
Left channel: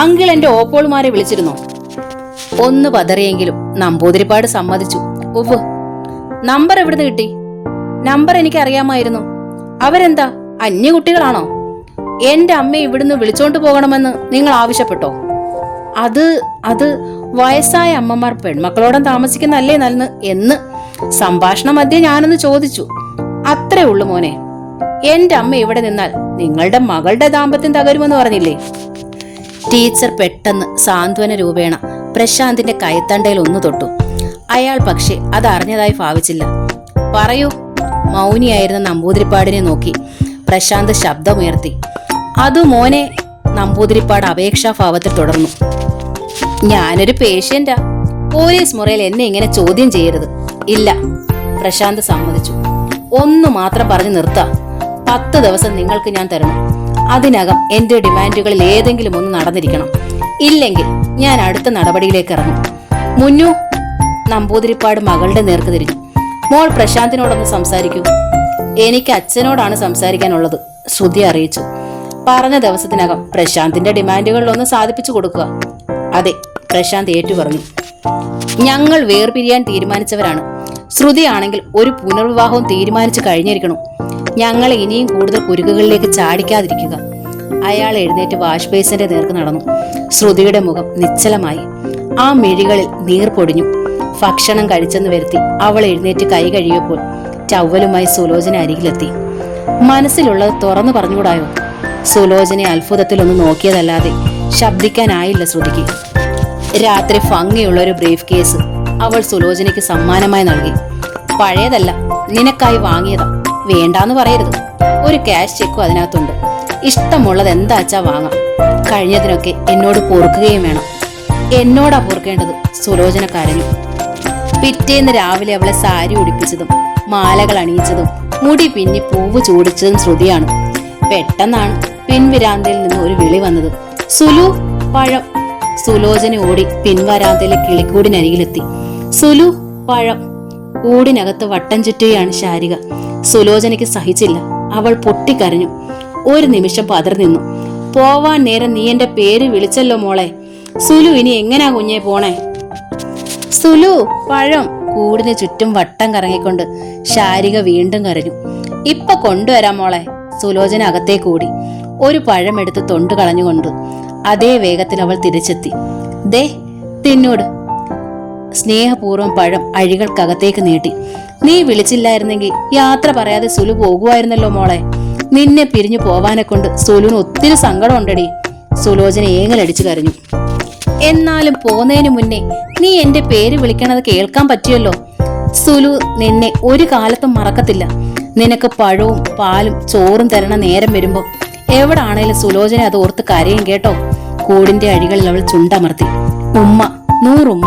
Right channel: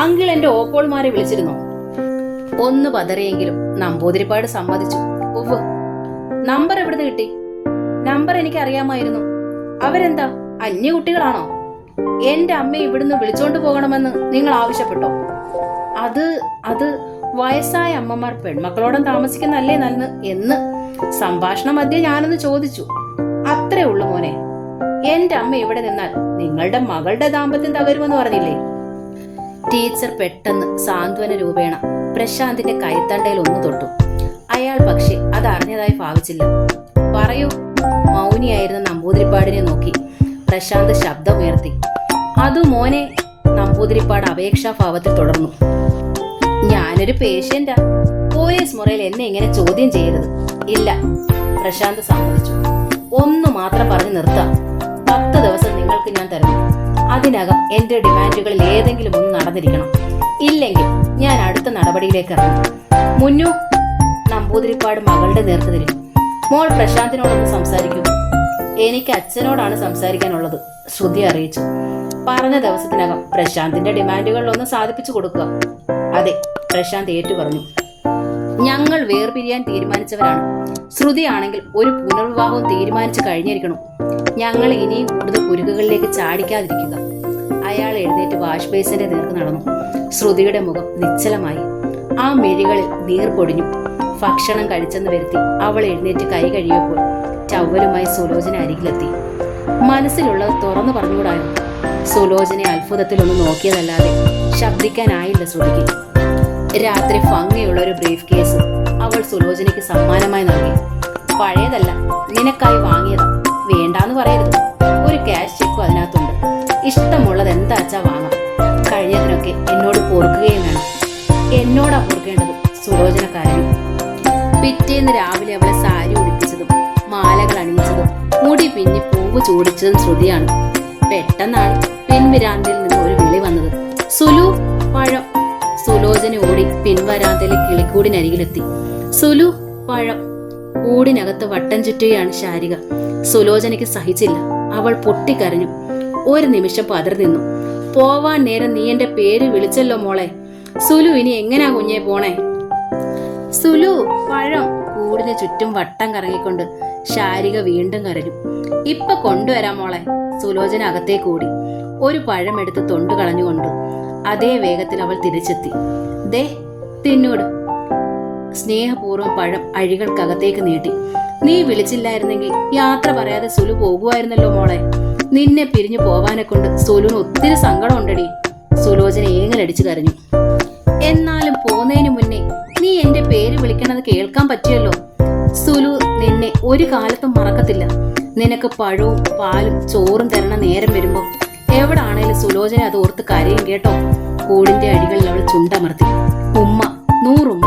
അങ്കിൾ എന്റെ ഓപ്പോൾമാരെ വിളിച്ചിരുന്നു. ഒന്ന് പതറിയെങ്കിലും നമ്പൂതിരിപ്പാട് സമ്മതിച്ചു. ഉവ്വ്. നമ്പർ എവിടുന്ന് കിട്ടി? നമ്പർ എനിക്ക് അറിയാമായിരുന്നു. അവരെന്താ അന്യ കുട്ടികളാണോ? എന്റെ അമ്മയെ ഇവിടുന്ന് വിളിച്ചോണ്ട് പോകണമെന്ന് നിങ്ങൾ ആവശ്യപ്പെട്ടോ? അത് വയസ്സായ അമ്മമാർ പെൺമക്കളോടം താമസിക്കുന്നല്ലേ നല്ലെന്ന് എന്ന് സംഭാഷണ മധ്യേ ഞാനൊന്ന് ചോദിച്ചു. അത്രേ ഉള്ളു മോനെ. എന്റെ അമ്മ ഇവിടെ നിന്നാൽ നിങ്ങളുടെ മകളുടെ ദാമ്പത്യം തകരുമെന്ന് പറഞ്ഞില്ലേ? ടീച്ചർ പെട്ടെന്ന് സാന്ത്വന രൂപേണ പ്രശാന്തിന്റെ കൈത്തണ്ടയിൽ ഒന്ന് തൊട്ടു. അയാൾ പക്ഷെ അത് അറിഞ്ഞതായി ഭാവിച്ചില്ല. പറയൂ. മൗനിയായിരുന്ന നമ്പൂതിരിപ്പാടിനെ നോക്കി പ്രശാന്ത് ശബ്ദമുയർത്തി. അതു മോനെ. നമ്പൂതിരിപ്പാട് അപേക്ഷാഭാവത്തിൽ തുടർന്നു. ഞാനൊരു പേഷ്യന്റാ. പോലീസ് മുറിയിൽ എന്നെ ഇങ്ങനെ ചോദ്യം ചെയ്യരുത്. ഇല്ല. പ്രശാന്ത് സമ്മതിച്ചു. ഒന്നു മാത്രം പറഞ്ഞു നിർത്താം. 10 ദിവസം നിങ്ങൾക്ക് ഞാൻ തരണം. അതിനകം എന്റെ ഡിമാൻഡുകളിൽ ഏതെങ്കിലും ഒന്ന് നടന്നിരിക്കണം. ഇല്ലെങ്കിൽ ഞാൻ അടുത്ത നടപടിയിലേക്ക് ഇറങ്ങും. മുന്നു. നമ്പൂതിരിപ്പാട് മകളുടെ നേർക്ക് തിരിഞ്ഞു. മോൾ പ്രശാന്തിനോടൊന്ന് സംസാരിക്കൂ. എനിക്ക് അച്ഛനോടാണ് സംസാരിക്കാനുള്ളത്. ശ്രുതി അറിയിച്ചു. പറഞ്ഞ ദിവസത്തിനകം പ്രശാന്തിന്റെ ഡിമാൻഡുകളിലൊന്ന് സാധിപ്പിച്ചു കൊടുക്കുക. അതെ. പ്രശാന്ത് ഏറ്റു പറഞ്ഞു. ഞങ്ങൾ വേർപിരിയാൻ തീരുമാനിച്ചവരാണ്. ശ്രുതിയാണെങ്കിൽ ഒരു പുനർവിവാഹവും തീരുമാനിച്ചു കഴിഞ്ഞിരിക്കണം. ഞങ്ങൾ ഇനിയും കൂടുതൽ കുരുക്കുകളിലേക്ക് ചാടിക്കാതിരിക്കുക. അയാൾ എഴുന്നേറ്റ് വാഷ് ബേസിന്റെ നേർക്ക് നടന്നു. ശ്രുതിയുടെ മുഖം നിശ്ചലമായി. ആ മിഴികളിൽ നീർ പൊടിഞ്ഞു. ഭക്ഷണം കഴിച്ചെന്ന് വരുത്തി അവൾ എഴുന്നേറ്റ് കൈ കഴിയപ്പോൾ ടവലുമായി സുലോചന അരികിലെത്തി. മനസ്സിലുള്ളത് തുറന്നു പറഞ്ഞുകൂടായോ? സുലോചനെ അത്ഭുതത്തിലൊന്ന് നോക്കിയതല്ലാതെ ശബ്ദിക്കാനായില്ല ശ്രുതിക്ക്. രാത്രി ഭംഗിയുള്ള ഒരു ബ്രീഫ് കേസ് അവൾ സുലോചനയ്ക്ക് സമ്മാനമായി നൽകി. പഴയതല്ല, നിനക്കായി വാങ്ങിയതാ. വേണ്ടാന്ന് പറയരുത്. ഒരു ക്യാഷ് ചെക്കും അതിനകത്തുണ്ട്. ഇഷ്ടമുള്ളത് എന്താച്ചാ വാങ്ങാം. കഴിഞ്ഞതിനൊക്കെ എന്നോട് പൊറുക്കുകയും വേണം. എന്നോടാ പൊറുക്കേണ്ടത്. സുലോചന കരഞ്ഞു. പിറ്റേന്ന് രാവിലെ അവളെ സാരി ഉടുപ്പിച്ചതും മാലകൾ അണിയിച്ചതും മുടി പിന്നി പൂവ് ചൂടിച്ചതും ശ്രുതിയാണ്. പെട്ടെന്നാണ് പിൻവിരാന്തയിൽ നിന്ന് ഒരു വിളി വന്നത്. സുലു, പഴം. സുലോചന ഓടി പിൻവരാന്തയിലെ കിളിക്കൂടിനരികിലെത്തി. സുലു, പഴം. കൂടിനകത്ത് വട്ടം ചുറ്റുകയാണ് ശാരിക. സുലോചനയ്ക്ക് സഹിച്ചില്ല. അവൾ പൊട്ടിക്കരഞ്ഞു. ഒരു നിമിഷം പതറി നിന്നു. പോവാൻ നേരം നീ എന്റെ പേര് വിളിച്ചല്ലോ മോളെ. സുലു, ഇനി എങ്ങനാ കുഞ്ഞെ പോണേ? സുലു, പഴം. കൂടിന് ചുറ്റും വട്ടം കറങ്ങിക്കൊണ്ട് ശാരിക വീണ്ടും കരഞ്ഞു. ഇപ്പൊ കൊണ്ടുവരാം മോളെ. സുലോചന അകത്തേക്ക് ഓടി. ഒരു പഴം എടുത്ത് തൊണ്ടു കളഞ്ഞുകൊണ്ട് അതേ വേഗത്തിൽ അവൾ തിരിച്ചെത്തി. ദേ, തിന്നോട്. സ്നേഹപൂർവ്വം പഴം അഴികൾക്കകത്തേക്ക് നീട്ടി. നീ വിളിച്ചില്ലായിരുന്നെങ്കിൽ യാത്ര പറയാതെ സുലു പോകുമായിരുന്നല്ലോ മോളെ. നിന്നെ പിരിഞ്ഞു പോവാനെ കൊണ്ട് സുലുവിന് ഒത്തിരി സങ്കടം ഉണ്ടടി. സുലോചന ഏങ്ങലടിച്ചു കരഞ്ഞു. എന്നാലും പോന്നതിന് മുന്നേ നീ എന്റെ പേര് വിളിക്കണത് കേൾക്കാൻ പറ്റിയല്ലോ. സുലു നിന്നെ ഒരു കാലത്തും മറക്കത്തില്ല. നിനക്ക് പഴവും പാലും ചോറും തരണ നേരം വരുമ്പോ എവിടാണേലും സുലോചന അത് ഓർത്ത് കരയും കേട്ടോ. കൂടിന്റെ അഴികളിൽ അവൾ ചുണ്ടമർത്തി. ഉമ്മ, 100 ഉമ്മ.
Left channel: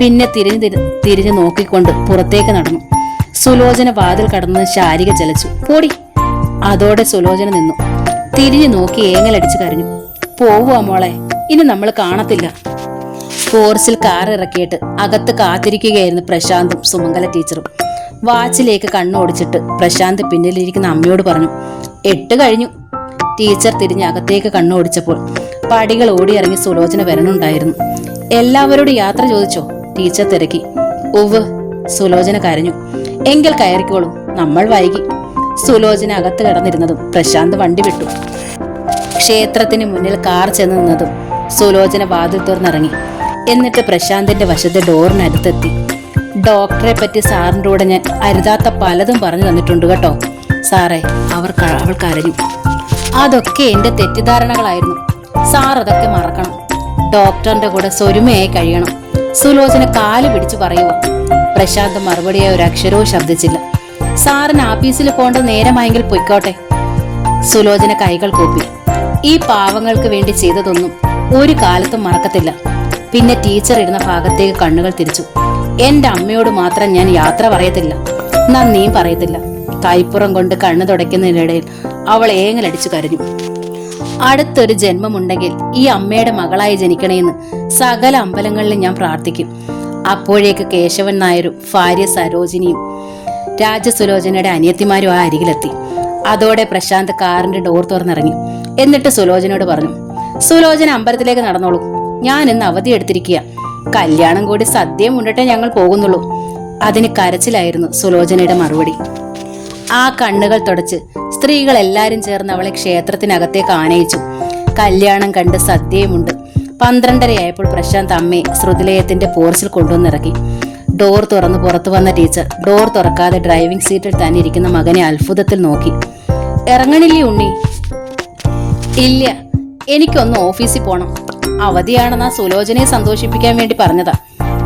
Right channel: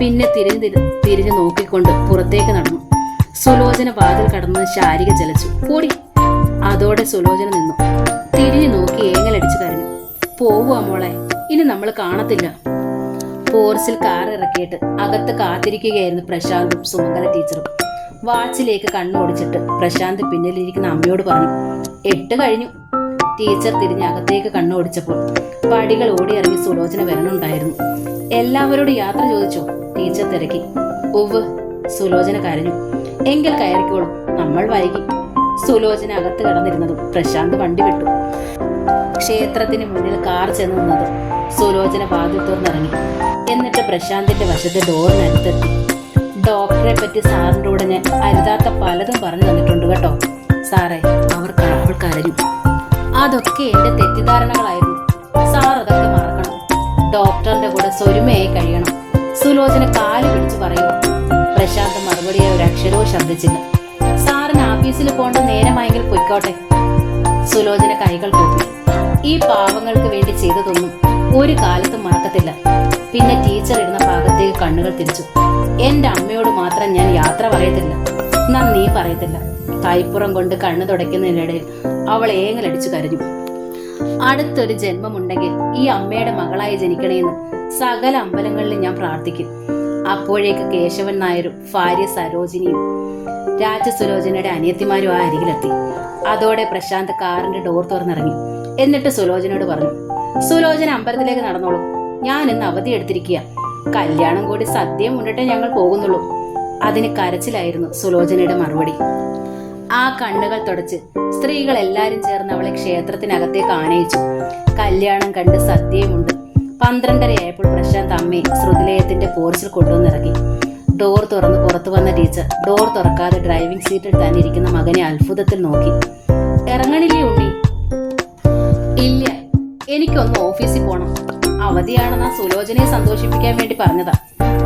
പിന്നെ തിരിഞ്ഞു നോക്കിക്കൊണ്ട് പുറത്തേക്ക് നടന്നു. സുലോചന വാതിൽ കടന്ന് ശാരിക ചലച്ചു. പോടി. അതോടെ സുലോചന നിന്നു. തിരിഞ്ഞു നോക്കി ഏങ്ങലടിച്ചു കരഞ്ഞു. പോവുക മോളെ, ഇനി നമ്മൾ കാണത്തില്ല. ഫോർസിൽ കാർ ഇറക്കിയിട്ട് അകത്ത് കാത്തിരിക്കുകയായിരുന്നു പ്രശാന്തും സുമംഗല ടീച്ചറും. വാച്ചിലേക്ക് കണ്ണോടിച്ചിട്ട് പ്രശാന്ത് പിന്നിലിരിക്കുന്ന അമ്മയോട് പറഞ്ഞു, 8 കഴിഞ്ഞു. ടീച്ചർ തിരിഞ്ഞ് അകത്തേക്ക് കണ്ണോടിച്ചപ്പോൾ പടികൾ ഓടിയിറങ്ങി സുലോചന വരണുണ്ടായിരുന്നു. എല്ലാവരോടും യാത്ര ചോദിച്ചോ? ടീച്ചർ തിരക്കി. ഉവ്. സുലോചന കരഞ്ഞു. എങ്കിൽ കയറിക്കോളും, നമ്മൾ വൈകി. സുലോചന അകത്ത് കിടന്നിരുന്നതും പ്രശാന്ത് വണ്ടി വിട്ടു. ക്ഷേത്രത്തിന് മുന്നിൽ കാർ ചെന്ന് നിന്നതും സുലോചന വാതിൽ തുറന്നിറങ്ങി. എന്നിട്ട് പ്രശാന്തിന്റെ വശത്തെ ഡോറിനടുത്തെത്തി. ഡോക്ടറെ പറ്റി സാറിന്റെ കൂടെ ഞാൻ അരുതാത്ത പലതും പറഞ്ഞു തന്നിട്ടുണ്ട് കേട്ടോ സാറേ. അവൾ കരഞ്ഞു. അതൊക്കെ എന്റെ തെറ്റിദ്ധാരണകളായിരുന്നു. സാർ അതൊക്കെ മറക്കണം. ഡോക്ടറിന്റെ കൂടെ സ്വരുമയായി കഴിയണം. സുലോചന കാല് പിടിച്ചു പറയുമോ? പ്രശാന്ത് മറുപടിയായി ഒരു അക്ഷരവും ശബ്ദിച്ചില്ല. സാറിന് ആഫീസിൽ പോകേണ്ട നേരമായെങ്കിൽ പൊയ്ക്കോട്ടെ. സുലോചന കൈകൾ കൂപ്പി. ഈ പാവങ്ങൾക്ക് വേണ്ടി ചെയ്തതൊന്നും ഒരു കാലത്തും മറക്കത്തില്ല. പിന്നെ ടീച്ചർ ഇരുന്ന ഭാഗത്തേക്ക് കണ്ണുകൾ തിരിച്ചു. എന്റെ അമ്മയോട് മാത്രം ഞാൻ യാത്ര പറയത്തില്ല, നന്ദിയും പറയത്തില്ല. കൈപ്പുറം കൊണ്ട് കണ്ണു തുടയ്ക്കുന്നതിനിടയിൽ അവൾ ഏങ്ങലടിച്ചു കരഞ്ഞു. അടുത്തൊരു ജന്മമുണ്ടെങ്കിൽ ഈ അമ്മയുടെ മകളായി ജനിക്കണേന്ന് സകല അമ്പലങ്ങളിലും ഞാൻ പ്രാർത്ഥിക്കും. അപ്പോഴേക്ക് കേശവൻ നായരും ഭാര്യ സരോജിനിയും രാജസുലോചനയുടെ അനിയത്തിമാരും ആ അരികിലെത്തി. അതോടെ പ്രശാന്ത് കാറിന്റെ ഡോർ തുറന്നിറങ്ങി. എന്നിട്ട് സുലോചനയോട് പറഞ്ഞു, സുലോചന അമ്പലത്തിലേക്ക് നടന്നോളൂ. ഞാൻ ഇന്ന് അവധി എടുത്തിരിക്കുക. കല്യാണം കൂടി സദ്യയും ഉണ്ടിട്ടേ ഞങ്ങൾ പോകുന്നുള്ളൂ. അതിന് കരച്ചിലായിരുന്നു സുലോചനയുടെ മറുപടി. ആ കണ്ണുകൾ തുടച്ച് സ്ത്രീകൾ എല്ലാരും ചേർന്ന് അവളെ ക്ഷേത്രത്തിനകത്തേക്ക് ആനയിച്ചു. കല്യാണം കണ്ട് സദ്യയുമുണ്ട്. 12:30 പ്രശാന്ത് അമ്മയെ ശ്രുതിലയത്തിന്റെ പോർച്ചിൽ കൊണ്ടുവന്നിറക്കി. ഡോർ തുറന്ന് പുറത്തു വന്ന ടീച്ചർ ഡോർ തുറക്കാതെ ഡ്രൈവിംഗ് സീറ്റിൽ തന്നെ ഇരിക്കുന്ന മകനെ അത്ഭുതത്തിൽ നോക്കി. ഇറങ്ങണില്ലേ ഉണ്ണി? ഇല്ല, എനിക്കൊന്ന് ഓഫീസിൽ പോണം. അവധിയാണെന്ന് സുലോചനയെ സന്തോഷിപ്പിക്കാൻ വേണ്ടി പറഞ്ഞതാ.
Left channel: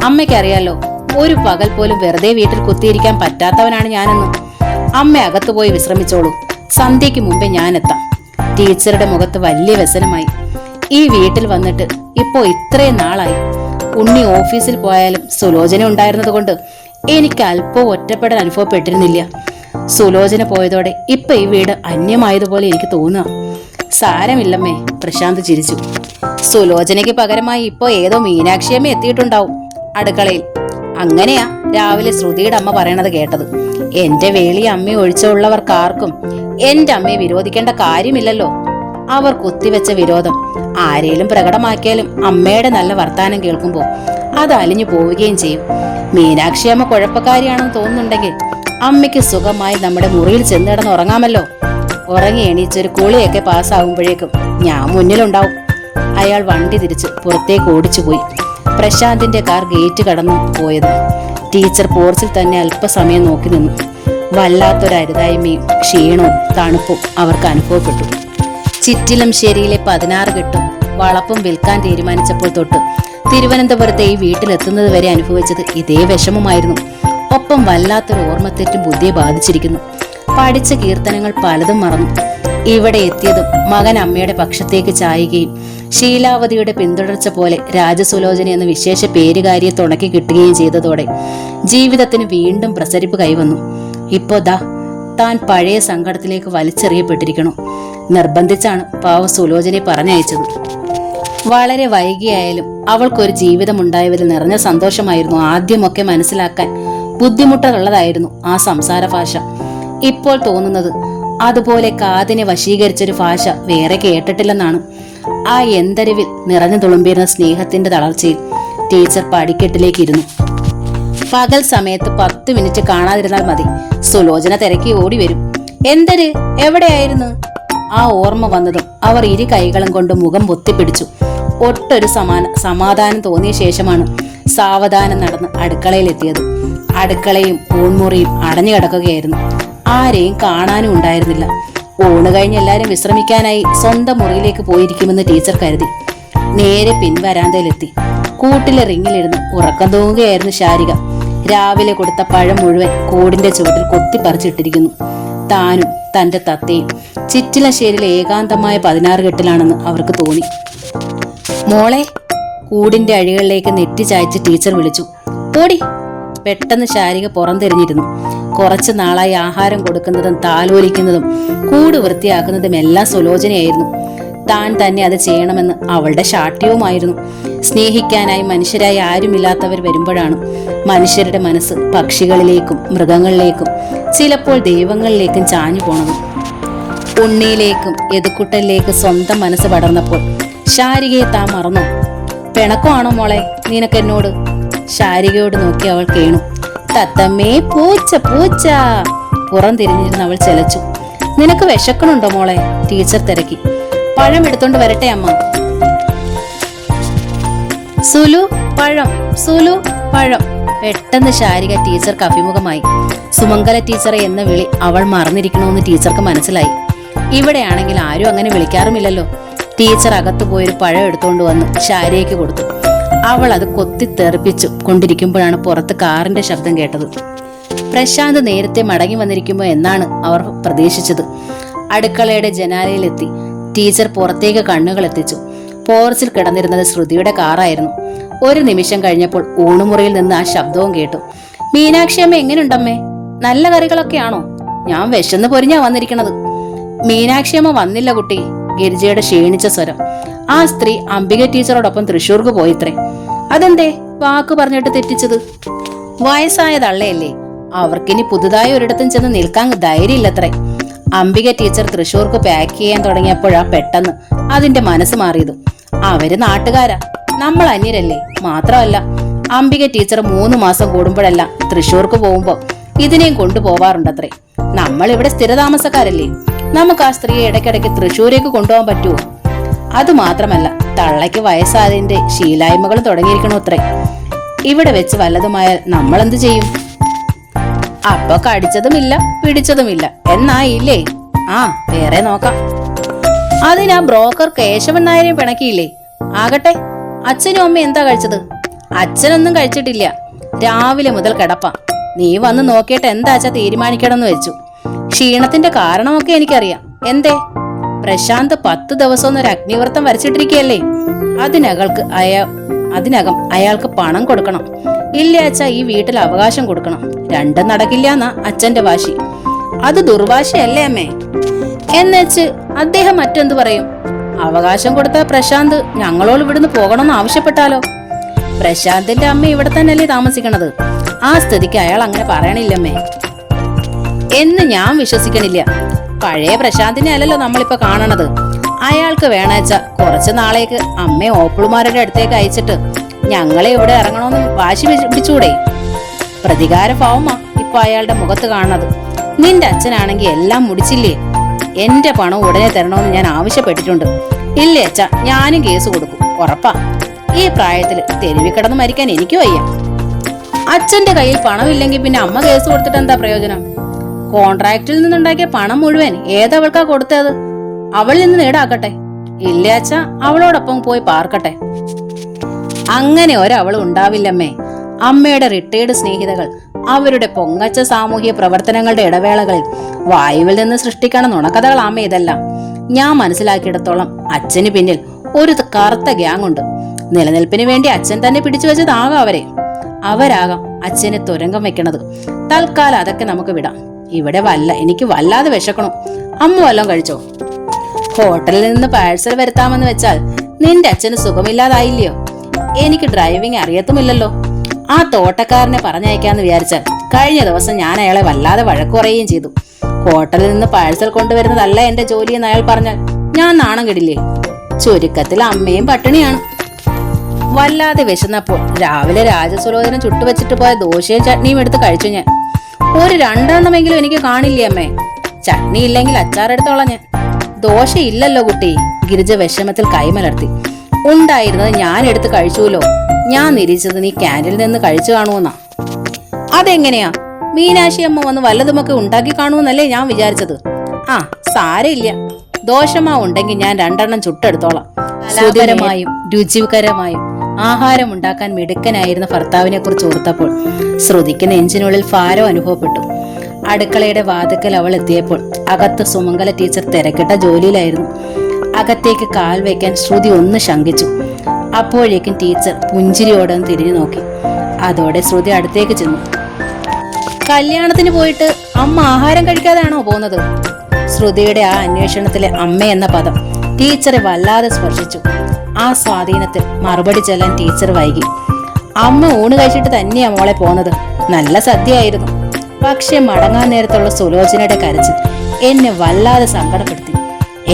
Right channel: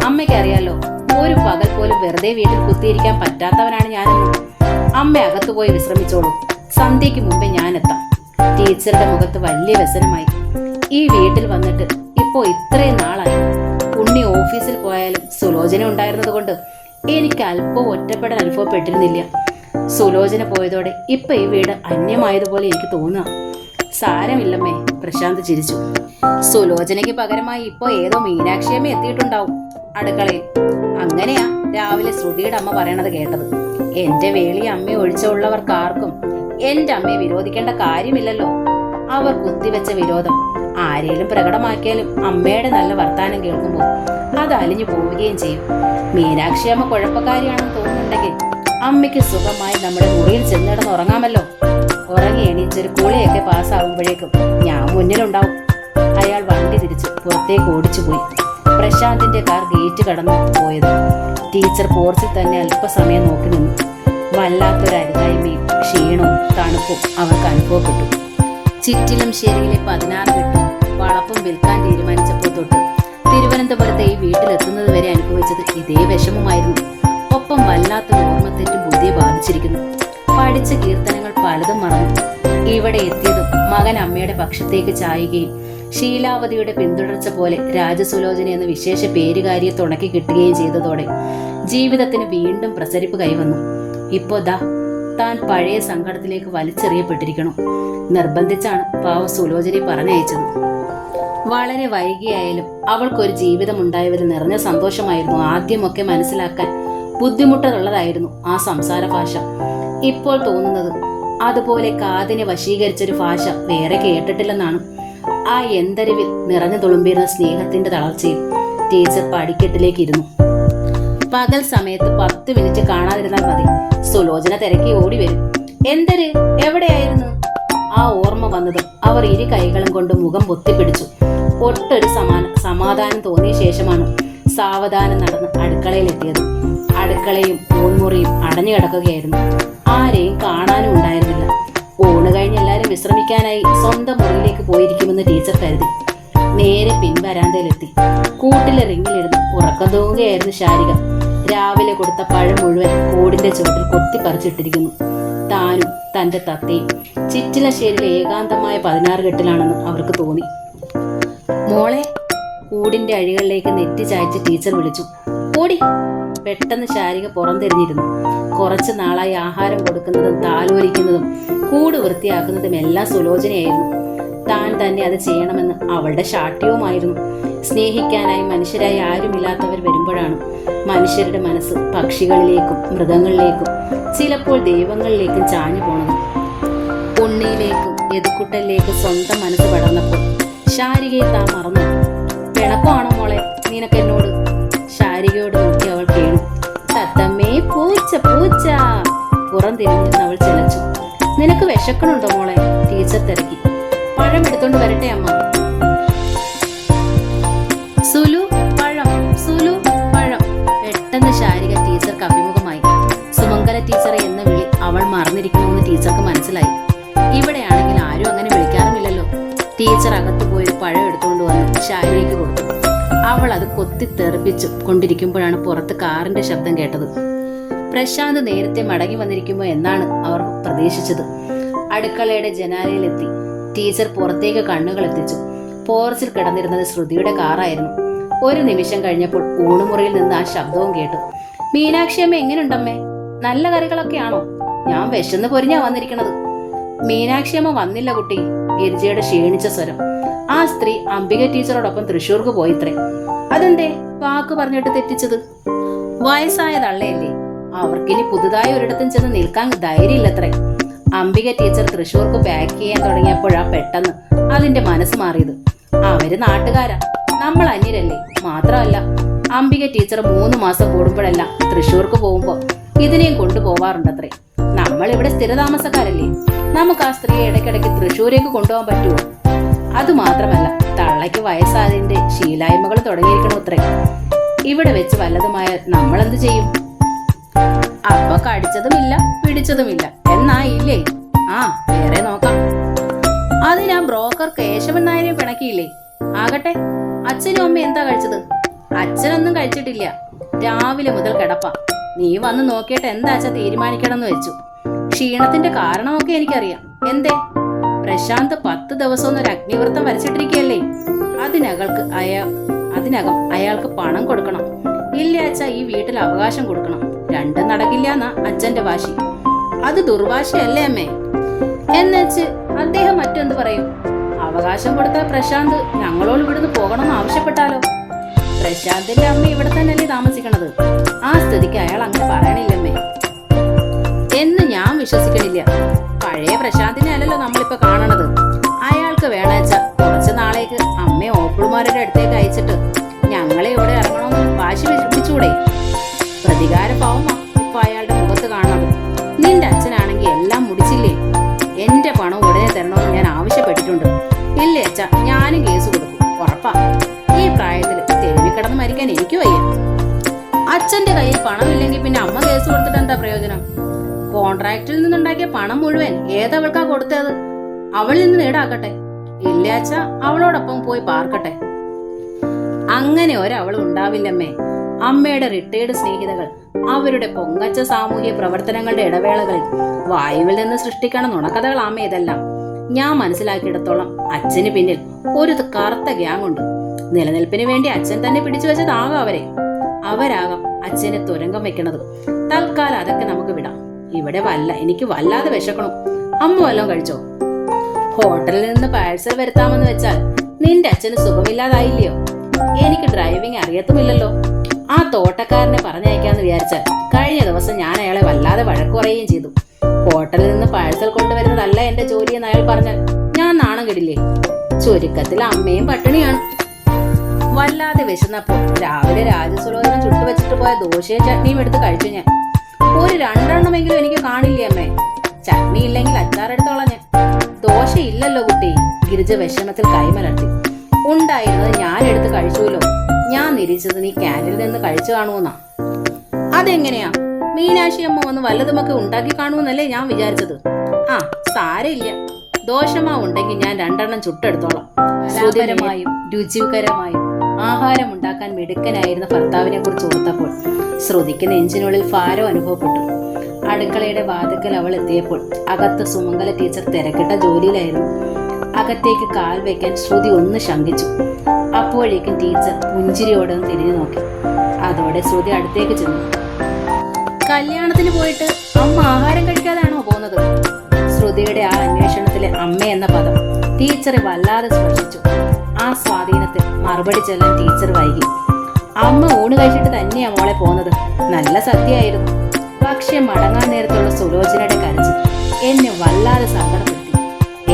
അമ്മയ്ക്കറിയാലോ, ഒരു പകൽ പോലും വെറുതെ വീട്ടിൽ കുത്തിയിരിക്കാൻ പറ്റാത്തവനാണ് ഞാനെന്നും. അമ്മ അകത്തുപോയി വിശ്രമിച്ചോളൂ. സന്ധ്യയ്ക്ക് മുമ്പേ ഞാൻ എത്താം. ടീച്ചറുടെ മുഖത്ത് വലിയ വ്യസനമായി. ഈ വീട്ടിൽ വന്നിട്ട് ഇപ്പോ ഇത്രയും നാളായി. ഉണ്ണി ഓഫീസിൽ പോയാലും സുലോചന ഉണ്ടായിരുന്നത് കൊണ്ട് എനിക്ക് അല്പം ഒറ്റപ്പെടൽ അനുഭവപ്പെട്ടിരുന്നില്ല. സുലോചന പോയതോടെ ഇപ്പൊ ഈ വീട് അന്യമായതുപോലെ എനിക്ക് തോന്നുക. സാരമില്ലമ്മേ, പ്രശാന്ത് ചിരിച്ചു. സുലോചനയ്ക്ക് പകരമായി ഇപ്പോ ഏതോ മീനാക്ഷിയമ്മ എത്തിയിട്ടുണ്ടാവും അടുക്കളയിൽ. അങ്ങനെയാ രാവിലെ ശ്രുതിയുടെ അമ്മ പറയണത് കേട്ടത്. എന്റെ വേളി അമ്മയെ ഒഴിച്ചുള്ളവർക്കാർക്കും എന്റെ അമ്മയെ വിരോധിക്കേണ്ട കാര്യമില്ലല്ലോ. അവർ കുത്തിവെച്ച വിരോധം ആരേലും പ്രകടമാക്കിയാലും അമ്മയുടെ നല്ല വർത്താനം കേൾക്കുമ്പോൾ അത് അലിഞ്ഞു പോവുകയും ചെയ്യും. മീനാക്ഷി അമ്മ കുഴപ്പക്കാരിയാണെന്ന് തോന്നുന്നുണ്ടെങ്കിൽ അമ്മയ്ക്ക് സുഖമായി നമ്മുടെ മുറിയിൽ ചെന്നിടന്ന് ഉറങ്ങാമല്ലോ. ഉറങ്ങി എണീച്ചൊരു കുളിയൊക്കെ പാസ്സാവുമ്പോഴേക്കും ഞാൻ മുന്നിലുണ്ടാവും. അയാൾ വണ്ടി തിരിച്ച് പുറത്തേക്ക് ഓടിച്ചുപോയി. പ്രശാന്തിന്റെ കാർ ഗേറ്റ് കടന്നു പോയത്. ടീച്ചർ പോർച്ചിൽ തന്നെ അല്പസമയം നോക്കി നിന്നു. വല്ലാത്തൊരു അരുതായ്മയും ക്ഷീണവും തണുപ്പും അവർക്ക് അനുഭവപ്പെട്ടു. ചിറ്റിലംശ്ശേരിയിലെ 16 കെട്ടും വളപ്പും വിൽക്കാൻ തീരുമാനിച്ചപ്പോൾ തൊട്ട് തിരുവനന്തപുരത്തെ ഈ വീട്ടിലെത്തുന്നത് വരെ അനുഭവിച്ചത് ഇതേ വിഷമമായിരുന്നു. ഒപ്പം വല്ലാത്തൊരു ഓർമ്മത്തെറ്റും ബുദ്ധിയെ ബാധിച്ചിരിക്കുന്നു. പഠിച്ച കീർത്തനങ്ങൾ പലതും മറന്നു. ഇവിടെ എത്തിയതും മകൻ അമ്മയുടെ പക്ഷത്തേക്ക് ചായുകയും ശീലാവതിയുടെ പിന്തുടർച്ച പോലെ രാജസുലോചന എന്ന വിശേഷ പേരുകാരിയെ തുണക്കി കിട്ടുകയും ചെയ്തതോടെ ജീവിതത്തിന് വീണ്ടും പ്രസരിപ്പ് കൈവന്നു. ഇപ്പോ താൻ പഴയ സങ്കടത്തിലേക്ക് വലിച്ചെറിയപ്പെട്ടിരിക്കണു. നിർബന്ധിച്ചാണ് പാവ സുലോചനയെ പറഞ്ഞയച്ചത്. വളരെ വൈകിയായാലും അവൾക്കൊരു ജീവിതം ഉണ്ടായതിൽ നിറഞ്ഞ സന്തോഷമായിരുന്നു. ആദ്യമൊക്കെ മനസ്സിലാക്കാൻ ബുദ്ധിമുട്ടുള്ളതായിരുന്നു ആ സംസാര ഭാഷ. ഇപ്പോൾ തോന്നുന്നത് അതുപോലെ കാതിനെ വശീകരിച്ചൊരു ഭാഷ വേറെ കേട്ടിട്ടില്ലെന്നാണ്. ആ എന്തരിവിൽ നിറഞ്ഞു തുളുമ്പിയിരുന്ന സ്നേഹത്തിന്റെ തളർച്ചയിൽ ടീച്ചർ പടിക്കെട്ടിലേക്ക് ഇരുന്നു. പകൽ സമയത്ത് 10 മിനിറ്റ് കാണാതിരുന്നാൽ മതി, സുലോചന തിരക്കി ഓടി വരും. എന്തര്, എവിടെയായിരുന്നു? ആ ഓർമ്മ വന്നതും അവർ ഇരു കൈകളും കൊണ്ട് മുഖം പൊത്തിപ്പിടിച്ചു. ഒട്ടൊരു സമാധാനം തോന്നിയ ശേഷമാണ് സാവധാനം നടന്ന് അടുക്കളയിലെത്തിയത്. അടുക്കളയും ഊൺമുറിയും അടഞ്ഞു കിടക്കുകയായിരുന്നു. ആരെയും കാണാനും ഉണ്ടായിരുന്നില്ല. ഊണ് കഴിഞ്ഞ് എല്ലാരും വിശ്രമിക്കാനായി സ്വന്തം മുറിയിലേക്ക് പോയിരിക്കുമെന്ന് ടീച്ചർ കരുതി. നേരെ പിൻവരാന്തയിലെത്തി. കൂട്ടിലെ റിങ്ങിലിരുന്ന് ഉറക്കം തൂങ്ങുകയായിരുന്നു ശാരിക. രാവിലെ കൊടുത്ത പഴം മുഴുവൻ കൂടിന്റെ ചുവട്ടിൽ കൊത്തിപ്പറിച്ചിട്ടിരിക്കുന്നു. താനും തന്റെ തത്തയും ചിറ്റിലശ്ശേരിയിലെ ഏകാന്തമായ 16 കെട്ടിലാണെന്ന് അവർക്ക് തോന്നി. മോളെ, കൂടിന്റെ അഴികളിലേക്ക് നെറ്റി ചായച്ച് ടീച്ചർ വിളിച്ചു. ഓടി. പെട്ടെന്ന് ശാരിക പുറംതിരിഞ്ഞിരുന്നു. കുറച്ചു നാളായി ആഹാരം കൊടുക്കുന്നതും താലോലിക്കുന്നതും കൂട് വൃത്തിയാക്കുന്നതും എല്ലാം സുലോചനയായിരുന്നു. താൻ തന്നെ അത് ചെയ്യണമെന്ന് അവളുടെ ശാഠ്യവുമായിരുന്നു. സ്നേഹിക്കാനായി മനുഷ്യരായി ആരുമില്ലാത്തവർ വരുമ്പോഴാണ് മനുഷ്യരുടെ മനസ്സ് പക്ഷികളിലേക്കും മൃഗങ്ങളിലേക്കും ചിലപ്പോൾ ദൈവങ്ങളിലേക്കും ചാഞ്ഞു പോണത്. ഉണ്ണിയിലേക്കും എതുക്കുട്ടലിലേക്കും സ്വന്തം മനസ്സ് പടർന്നപ്പോൾ ശാരികയെ താൻ മറന്നു. പിണക്കമാണോ മോളെ നിനക്കെന്നോട്? ശാരികയോട് നോക്കി അവൾ കേണു. തത്തമ്മേ, പൂച്ച പൂച്ച. പുറം തിരിഞ്ഞിരുന്ന് അവൾ ചെലച്ചു. നിനക്ക് വിശക്കണുണ്ടോ മോളെ? ടീച്ചർ തിരക്കി. പഴം എടുത്തോണ്ട് വരട്ടെ അമ്മ. സുലു പഴം, സുലു പഴം. പെട്ടെന്ന് ശാരിക ടീച്ചർക്ക് അഭിമുഖമായി. സുമംഗല ടീച്ചറെ എന്ന വിളി അവൾ മറന്നിരിക്കണമെന്ന് ടീച്ചർക്ക് മനസ്സിലായി. ഇവിടെയാണെങ്കിൽ ആരും അങ്ങനെ വിളിക്കാറുമില്ലല്ലോ. ടീച്ചർ അകത്തു പോയൊരു പഴം എടുത്തോണ്ട് വന്ന് ശാരികയ്ക്ക് കൊടുത്തു. അവൾ അത് കൊത്തിത്തെറിപ്പിച്ചു കൊണ്ടിരിക്കുമ്പോഴാണ് പുറത്ത് കാറിന്റെ ശബ്ദം കേട്ടത്. പ്രശാന്ത് നേരത്തെ മടങ്ങി വന്നിരിക്കുമോ എന്നാണ് അവർ പ്രതീക്ഷിച്ചത്. അടുക്കളയുടെ ജനാലയിലെത്തി ടീച്ചർ പുറത്തേക്ക് കണ്ണുകൾ എത്തിച്ചു. പോർച്ചിൽ കിടന്നിരുന്നത് ശ്രുതിയുടെ കാറായിരുന്നു. ഒരു നിമിഷം കഴിഞ്ഞപ്പോൾ ഊണുമുറിയിൽ നിന്ന് ആ ശബ്ദവും കേട്ടു. മീനാക്ഷി അമ്മ എങ്ങനെയുണ്ടമ്മേ? നല്ല കറികളൊക്കെയാണോ? ഞാൻ വിശന്ന് പൊരിഞ്ഞാ വന്നിരിക്കണത്. മീനാക്ഷി അമ്മ വന്നില്ല കുട്ടി. ഗിരിജയുടെ ക്ഷീണിച്ച സ്വരം. ആ സ്ത്രീ അംബിക ടീച്ചറോടൊപ്പം തൃശ്ശൂർക്ക് പോയിത്രേ. അതെന്തേ വാക്ക് പറഞ്ഞിട്ട് തെറ്റിച്ചത്? വയസ്സായ തള്ളയല്ലേ, അവർക്കിനി പുതുതായി ഒരിടത്തും ചെന്ന് നിൽക്കാൻ ധൈര്യമില്ലത്രേ. അംബിക ടീച്ചർ തൃശ്ശൂർക്ക് പാക്ക് ചെയ്യാൻ തുടങ്ങിയപ്പോഴാ പെട്ടെന്ന് അതിന്റെ മനസ്സ് മാറിയത്. അവര് നാട്ടുകാരാ, നമ്മൾ അന്യരല്ലേ. മാത്രമല്ല അംബിക ടീച്ചർ 3 മാസം കൂടുമ്പോഴല്ല തൃശ്ശൂർക്ക് പോകുമ്പോ ഇതിനെയും കൊണ്ടുപോവാറുണ്ടത്രേ. നമ്മൾ ഇവിടെ സ്ഥിരതാമസക്കാരല്ലേ, നമുക്ക് ആ സ്ത്രീയെ ഇടയ്ക്കിടയ്ക്ക് തൃശ്ശൂരേക്ക് കൊണ്ടുപോകാൻ പറ്റുമോ? അതുമാത്രമല്ല തള്ളയ്ക്ക് വയസ്സായതിന്റെ ശീലായ്മകൾ തുടങ്ങിയിരിക്കണോ അത്രേ. ഇവിടെ വെച്ച് വല്ലതുമായാൽ നമ്മൾ എന്ത് ചെയ്യും? അപ്പൊ കടിച്ചതുമില്ല പിടിച്ചതുമില്ല എന്നായില്ലേ? ആ, വേറെ നോക്കാം. അതിനാ ബ്രോക്കർ കേശവൻ നായരെ പിണക്കിയില്ലേ? ആകട്ടെ, അച്ഛനും അമ്മ എന്താ കഴിച്ചത്? അച്ഛനൊന്നും കഴിച്ചിട്ടില്ല. രാവിലെ മുതൽ കിടപ്പാ. നീ വന്ന് നോക്കിയിട്ട് എന്താച്ചാ തീരുമാനിക്കണമെന്ന് വെച്ചു. ക്ഷീണത്തിന്റെ കാരണമൊക്കെ എനിക്കറിയാം. എന്തേ? പ്രശാന്ത് 10 ദിവസം ഒരു അഗ്നിവ്രതം വരച്ചിട്ടിരിക്കുകയല്ലേ. അതിനകം അയാൾക്ക് പണം കൊടുക്കണം. ഇല്ല അച്ഛാ, ഈ വീട്ടിൽ അവകാശം കൊടുക്കണം. രണ്ടും നടക്കില്ല എന്നാ അച്ഛന്റെ വാശി. അത് ദുർവാശയല്ലേ അമ്മേ? എന്നുവെച്ച് അദ്ദേഹം മറ്റെന്ത് പറയും? അവകാശം കൊടുത്ത പ്രശാന്ത് ഞങ്ങളോട് ഇവിടുന്ന് പോകണമെന്ന് ആവശ്യപ്പെട്ടാലോ? പ്രശാന്തിന്റെ അമ്മ ഇവിടെ തന്നെയല്ലേ താമസിക്കണത്. ആ സ്ഥിതിക്ക് അയാൾ അങ്ങനെ പറയണില്ലമ്മേ എന്ന് ഞാൻ വിശ്വസിക്കണില്ല. പഴയ പ്രശാന്തിനെ അല്ലല്ലോ നമ്മളിപ്പോ കാണണത്. അയാൾ നമുക്ക് വേണച്ച കുറച്ച് നാളേക്ക് അമ്മയെ ഓപ്പിളുമാരുടെ അടുത്തേക്ക് അയച്ചിട്ട് ഞങ്ങളെ ഇവിടെ ഇറങ്ങണമെന്ന് വാശി പിടിച്ചൂടെ? പ്രതികാര ഭാവമാ ഇപ്പൊ അയാളുടെ മുഖത്ത് കാണുന്നത്. നിന്റെ അച്ഛനാണെങ്കിൽ എല്ലാം മുടിച്ചില്ലേ? എന്റെ പണം ഉടനെ തരണമെന്ന് ഞാൻ ആവശ്യപ്പെട്ടിട്ടുണ്ട്. ഇല്ലേ അച്ഛ, ഞാനും കേസ് കൊടുക്കും, ഉറപ്പാ. ഈ പ്രായത്തില് തെരുവിൽ കിടന്ന് മരിക്കാൻ എനിക്ക് വയ്യ. അച്ഛന്റെ കയ്യിൽ പണമില്ലെങ്കിൽ പിന്നെ അമ്മ കേസ് കൊടുത്തിട്ട് എന്താ പ്രയോജനം? കോൺട്രാക്റ്റിൽ നിന്നുണ്ടാക്കിയ പണം മുഴുവൻ ഏതവൾക്കാ കൊടുത്തത്? അവളിൽ നിന്ന് ഈടാക്കട്ടെ. ഇല്ല അച്ഛ, അവളോടൊപ്പം പോയി പാർക്കട്ടെ. അങ്ങനെ ഒരവൾ ഉണ്ടാവില്ലമ്മേ. അമ്മയുടെ റിട്ടയർഡ് സ്നേഹിതകൾ അവരുടെ പൊങ്ങച്ച സാമൂഹ്യ പ്രവർത്തനങ്ങളുടെ ഇടവേളകളിൽ വായുവിൽ നിന്ന് സൃഷ്ടിക്കണ നുണക്കഥകളാമേ ഇതെല്ലാം. ഞാൻ മനസ്സിലാക്കിയിടത്തോളം അച്ഛന് പിന്നിൽ ഒരു കറുത്ത ഗ്യാങ് ഉണ്ട്. നിലനിൽപ്പിന് വേണ്ടി അച്ഛൻ തന്നെ പിടിച്ചു വെച്ചതാകാം അവരാകാം അച്ഛനെ തുരങ്കം വെക്കണത്. തൽക്കാലം അതൊക്കെ നമുക്ക് വിടാം. ഇവിടെ എനിക്ക് വല്ലാതെ വിശക്കണം. അമ്മ വല്ലതും കഴിച്ചോ? ഹോട്ടലിൽ നിന്ന് പാഴ്സൽ വരുത്താമെന്ന് വെച്ചാൽ നിന്റെ അച്ഛന് സുഖമില്ലാതായില്ലയോ? എനിക്ക് ഡ്രൈവിംഗ് അറിയത്തുമില്ലല്ലോ. ആ തോട്ടക്കാരനെ പറഞ്ഞയക്കാന്ന് വിചാരിച്ചാൽ കഴിഞ്ഞ ദിവസം ഞാൻ അയാളെ വല്ലാതെ വഴക്കു പറയുകയും ചെയ്തു. ഹോട്ടലിൽ നിന്ന് പാഴ്സൽ കൊണ്ടുവരുന്നതല്ല എന്റെ ജോലിയെന്ന് അയാൾ പറഞ്ഞാൽ ഞാൻ നാണം കെടില്ലേ? ചുരുക്കത്തിൽ അമ്മയും പട്ടിണിയാണ്. വല്ലാതെ വിശന്നപ്പോൾ രാവിലെ രാജസുലോചനം ചുട്ടുവെച്ചിട്ട് പോയ ദോശയും ചട്നിയും എടുത്ത് കഴിച്ചു ഞാൻ. ഒരു 2 എണ്ണമെങ്കിലും എനിക്ക് കാണില്ലേ അമ്മേ? ചട്നി ഇല്ലെങ്കിൽ അച്ചാറെടുത്തോളാം ഞാൻ. ദോശ ഇല്ലല്ലോ കുട്ടി. ഗിരിജ വിഷമത്തിൽ കൈമലർത്തി. ഉണ്ടായിരുന്നത് ഞാൻ എടുത്ത് കഴിച്ചുല്ലോ. ഞാൻ നിരീക്ഷിച്ചത് നീ ക്യാൻറ്റീനിൽ നിന്ന് കഴിച്ചു കാണുമെന്നാ. അതെങ്ങനെയാ? മീനാക്ഷി അമ്മ വന്ന് വല്ലതുമൊക്കെ ഉണ്ടാക്കി കാണുമെന്നല്ലേ ഞാൻ വിചാരിച്ചത്. ആ സാരമില്ല, ദോശമാവ് ഉണ്ടെങ്കിൽ ഞാൻ 2 എണ്ണം ചുട്ടെടുത്തോളാം. സുഖകരമായും രുചികരമായും ആഹാരം ഉണ്ടാക്കാൻ മിടുക്കനായിരുന്ന ഭർത്താവിനെ കുറിച്ച് ഓർത്തപ്പോൾ ശ്രുതിക്ക് നെഞ്ചിനുള്ളിൽ ഭാരം അനുഭവപ്പെട്ടു. അടുക്കളയുടെ വാതിക്കൽ അവൾ എത്തിയപ്പോൾ അകത്ത് സുമംഗല ടീച്ചർ തിരക്കിട്ട ജോലിയിലായിരുന്നു. അകത്തേക്ക് കാൽ വയ്ക്കാൻ ശ്രുതി ഒന്ന് ശങ്കിച്ചു. അപ്പോഴേക്കും ടീച്ചർ പുഞ്ചിരിയോടെ തിരിഞ്ഞു നോക്കി. അതോടെ ശ്രുതി അടുത്തേക്ക് ചെന്നു. കല്യാണത്തിന് പോയിട്ട് അമ്മ ആഹാരം കഴിക്കാതെയാണോ പോകുന്നത്? ശ്രുതിയുടെ ആ അന്വേഷണത്തിലെ അമ്മ എന്ന പദം ടീച്ചറെ വല്ലാതെ സ്പർശിച്ചു. ആ സ്വാധീനത്തിൽ മറുപടി ചെല്ലാൻ ടീച്ചർ വൈകി. അമ്മ ഊണ് കഴിച്ചിട്ട് തന്നെയാ മോളെ പോന്നത്. നല്ല സദ്യയായിരുന്നു. പക്ഷെ മടങ്ങാൻ നേരത്തുള്ള സുലോചനയുടെ കരച്ചിൽ എന്നെ വല്ലാതെ സങ്കടപ്പെടുത്തി.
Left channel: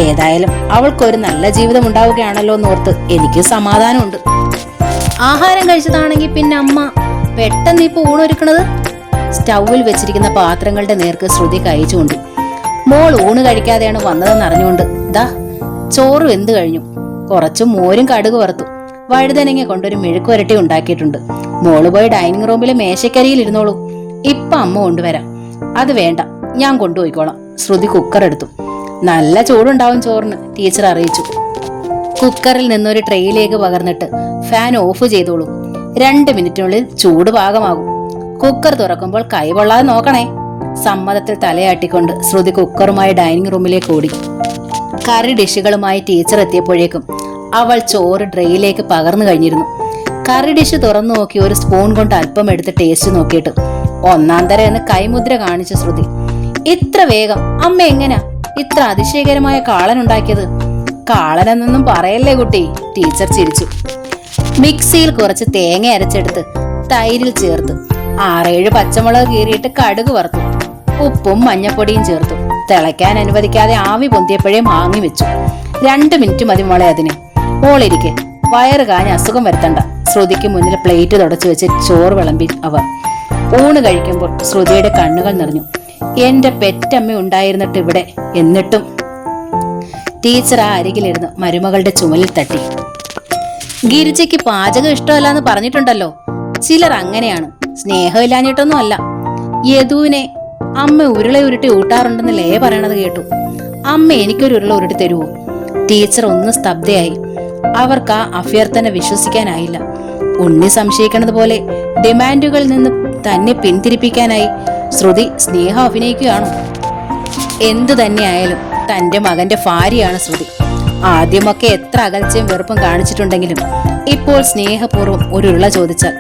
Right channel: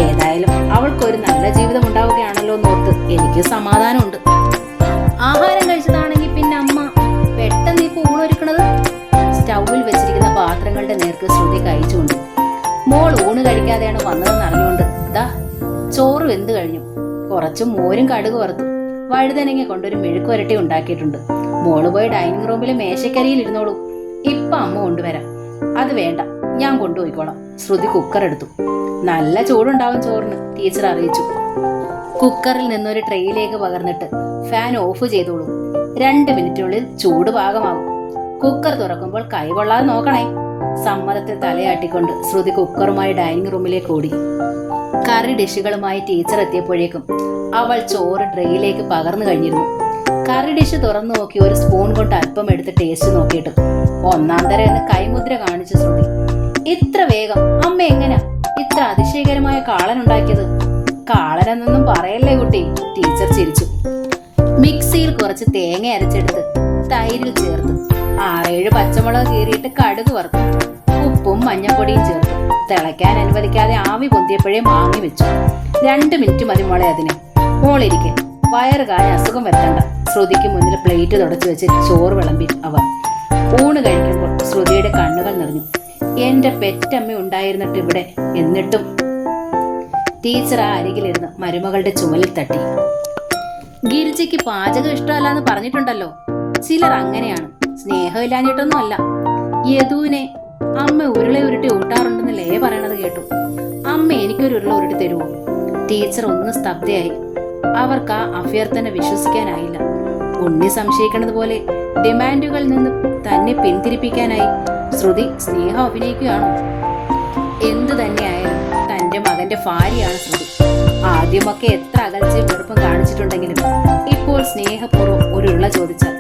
ഏതായാലും അവൾക്കൊരു നല്ല ജീവിതം ഉണ്ടാവുകയാണല്ലോ എന്നോർത്ത് എനിക്ക് സമാധാനമുണ്ട്. ആഹാരം കഴിച്ചതാണെങ്കിൽ പിന്നെ അമ്മ പെട്ടെന്ന് ഇപ്പൊ ഊണൊരുക്കണത്? സ്റ്റൗവിൽ വെച്ചിരിക്കുന്ന പാത്രങ്ങളുടെ നേർക്ക് ശ്രുതി കഴിച്ചുകൊണ്ട്. മോൾ ഊണ് കഴിക്കാതെയാണ് വന്നതെന്ന് അറിഞ്ഞുകൊണ്ട് ദാ ചോറ് വെന്ത് കഴിഞ്ഞു. കുറച്ച് മോരും കടുക് വറുത്തു. വഴുതനങ്ങ കൊണ്ടൊരു മെഴുക്ക് വരട്ടി ഉണ്ടാക്കിയിട്ടുണ്ട്. മോള് പോയി ഡൈനിങ് റൂമിലെ മേശക്കരിയിൽ ഇരുന്നോളൂ. ഇപ്പൊ അമ്മ കൊണ്ടുവരാം. അത് വേണ്ട, ഞാൻ കൊണ്ടുപോയിക്കോളാം. ശ്രുതി കുക്കർ എടുത്തു. നല്ല ചൂടുണ്ടാവും ചോറിന്, ടീച്ചർ അറിയിച്ചു. കുക്കറിൽ നിന്നൊരു ട്രേയിലേക്ക് പകർന്നിട്ട് ഫാൻ ഓഫ് ചെയ്തോളൂ. 2 മിനിറ്റിനുള്ളിൽ ചൂട് പാകമാകും. കുക്കർ തുറക്കുമ്പോൾ കൈകൊള്ളാതെ നോക്കണേ. സമ്മതത്തിൽ തലയാട്ടിക്കൊണ്ട് ശ്രുതി കുക്കറുമായി ഡൈനിങ് റൂമിലേക്ക് ഓടി. കറി ഡിഷുകളുമായി ടീച്ചർ എത്തിയപ്പോഴേക്കും അവൾ ചോറ് ട്രേയിലേക്ക് പകർന്നു കഴിഞ്ഞിരുന്നു. കറി ഡിഷ് തുറന്നു നോക്കി ഒരു സ്പൂൺ കൊണ്ട് അല്പം എടുത്ത് ടേസ്റ്റ് നോക്കിയിട്ട് 1-ാം തരം എന്ന് കൈമുദ്ര കാണിച്ച ശ്രുതി. ഇത്ര വേഗം അമ്മ എങ്ങനാ ഇത്ര അതിശയകരമായ കാളൻ ഉണ്ടാക്കിയത്? കാളനെന്നൊന്നും പറയല്ലേ കുട്ടി, ടീച്ചർ ചിരിച്ചു. മിക്സിയിൽ കുറച്ച് തേങ്ങ അരച്ചെടുത്ത് തൈരിൽ ചേർത്ത് 6-7 പച്ചമുളക് കീറിയിട്ട് കടുക് വറുത്തു. ഉപ്പും മഞ്ഞപ്പൊടിയും ചേർത്തു. തിളയ്ക്കാൻ അനുവദിക്കാതെ ആവി പൊന്തിയപ്പോഴേ മാങ്ങി വെച്ചു. 2 മിനിറ്റ് മതി മോളെ അതിന്. മോളിരിക്കെ, വയറ് കാഞ്ഞ് അസുഖം വരുത്തണ്ട. ശ്രുതിക്ക് മുന്നിൽ പ്ലേറ്റ് തുടച്ചു വെച്ച് ചോറ് വിളമ്പി അവർ. ഊണ് കഴിക്കുമ്പോൾ ശ്രുതിയുടെ കണ്ണുകൾ നിറഞ്ഞു. എന്റെ പെറ്റമ്മ ഉണ്ടായിരുന്നിട്ട് ഇവിടെ, എന്നിട്ടും. ടീച്ചർ ആ അരികിലിരുന്ന് മരുമകളുടെ ചുമലിൽ തട്ടി. ഗിരിജയ്ക്ക് പാചകം ഇഷ്ടമല്ലാന്ന് പറഞ്ഞിട്ടുണ്ടല്ലോ. ചിലർ അങ്ങനെയാണ്, സ്നേഹമില്ലാഞ്ഞിട്ടൊന്നും അല്ല. യദുവിനെ അമ്മ ഉരുള ഉരുട്ടി ഊട്ടാറുണ്ടെന്ന് ലേ പറയണത് കേട്ടു. അമ്മ എനിക്കൊരു ഉരുള ഉരുട്ടി തരുമോ? ടീച്ചർ ഒന്ന് സ്തബ്ധയായി. അവർക്ക് ആ അഭ്യർത്ഥന വിശ്വസിക്കാനായില്ല. ഉണ്ണി സംശയിക്കുന്നത് പോലെ ഡിമാൻഡുകളിൽ നിന്ന് തന്നെ പിന്തിരിപ്പിക്കാനായി ശ്രുതി സ്നേഹം അഭിനയിക്കുകയാണോ? എന്തു തന്നെയായാലും തന്റെ മകന്റെ ഭാര്യയാണ് ശ്രുതി. ആദ്യമൊക്കെ എത്ര അകൽച്ചയും വെറുപ്പും കാണിച്ചിട്ടുണ്ടെങ്കിലും ഇപ്പോൾ സ്നേഹപൂർവ്വം ഒരു ഉരുള ചോദിച്ചാൽ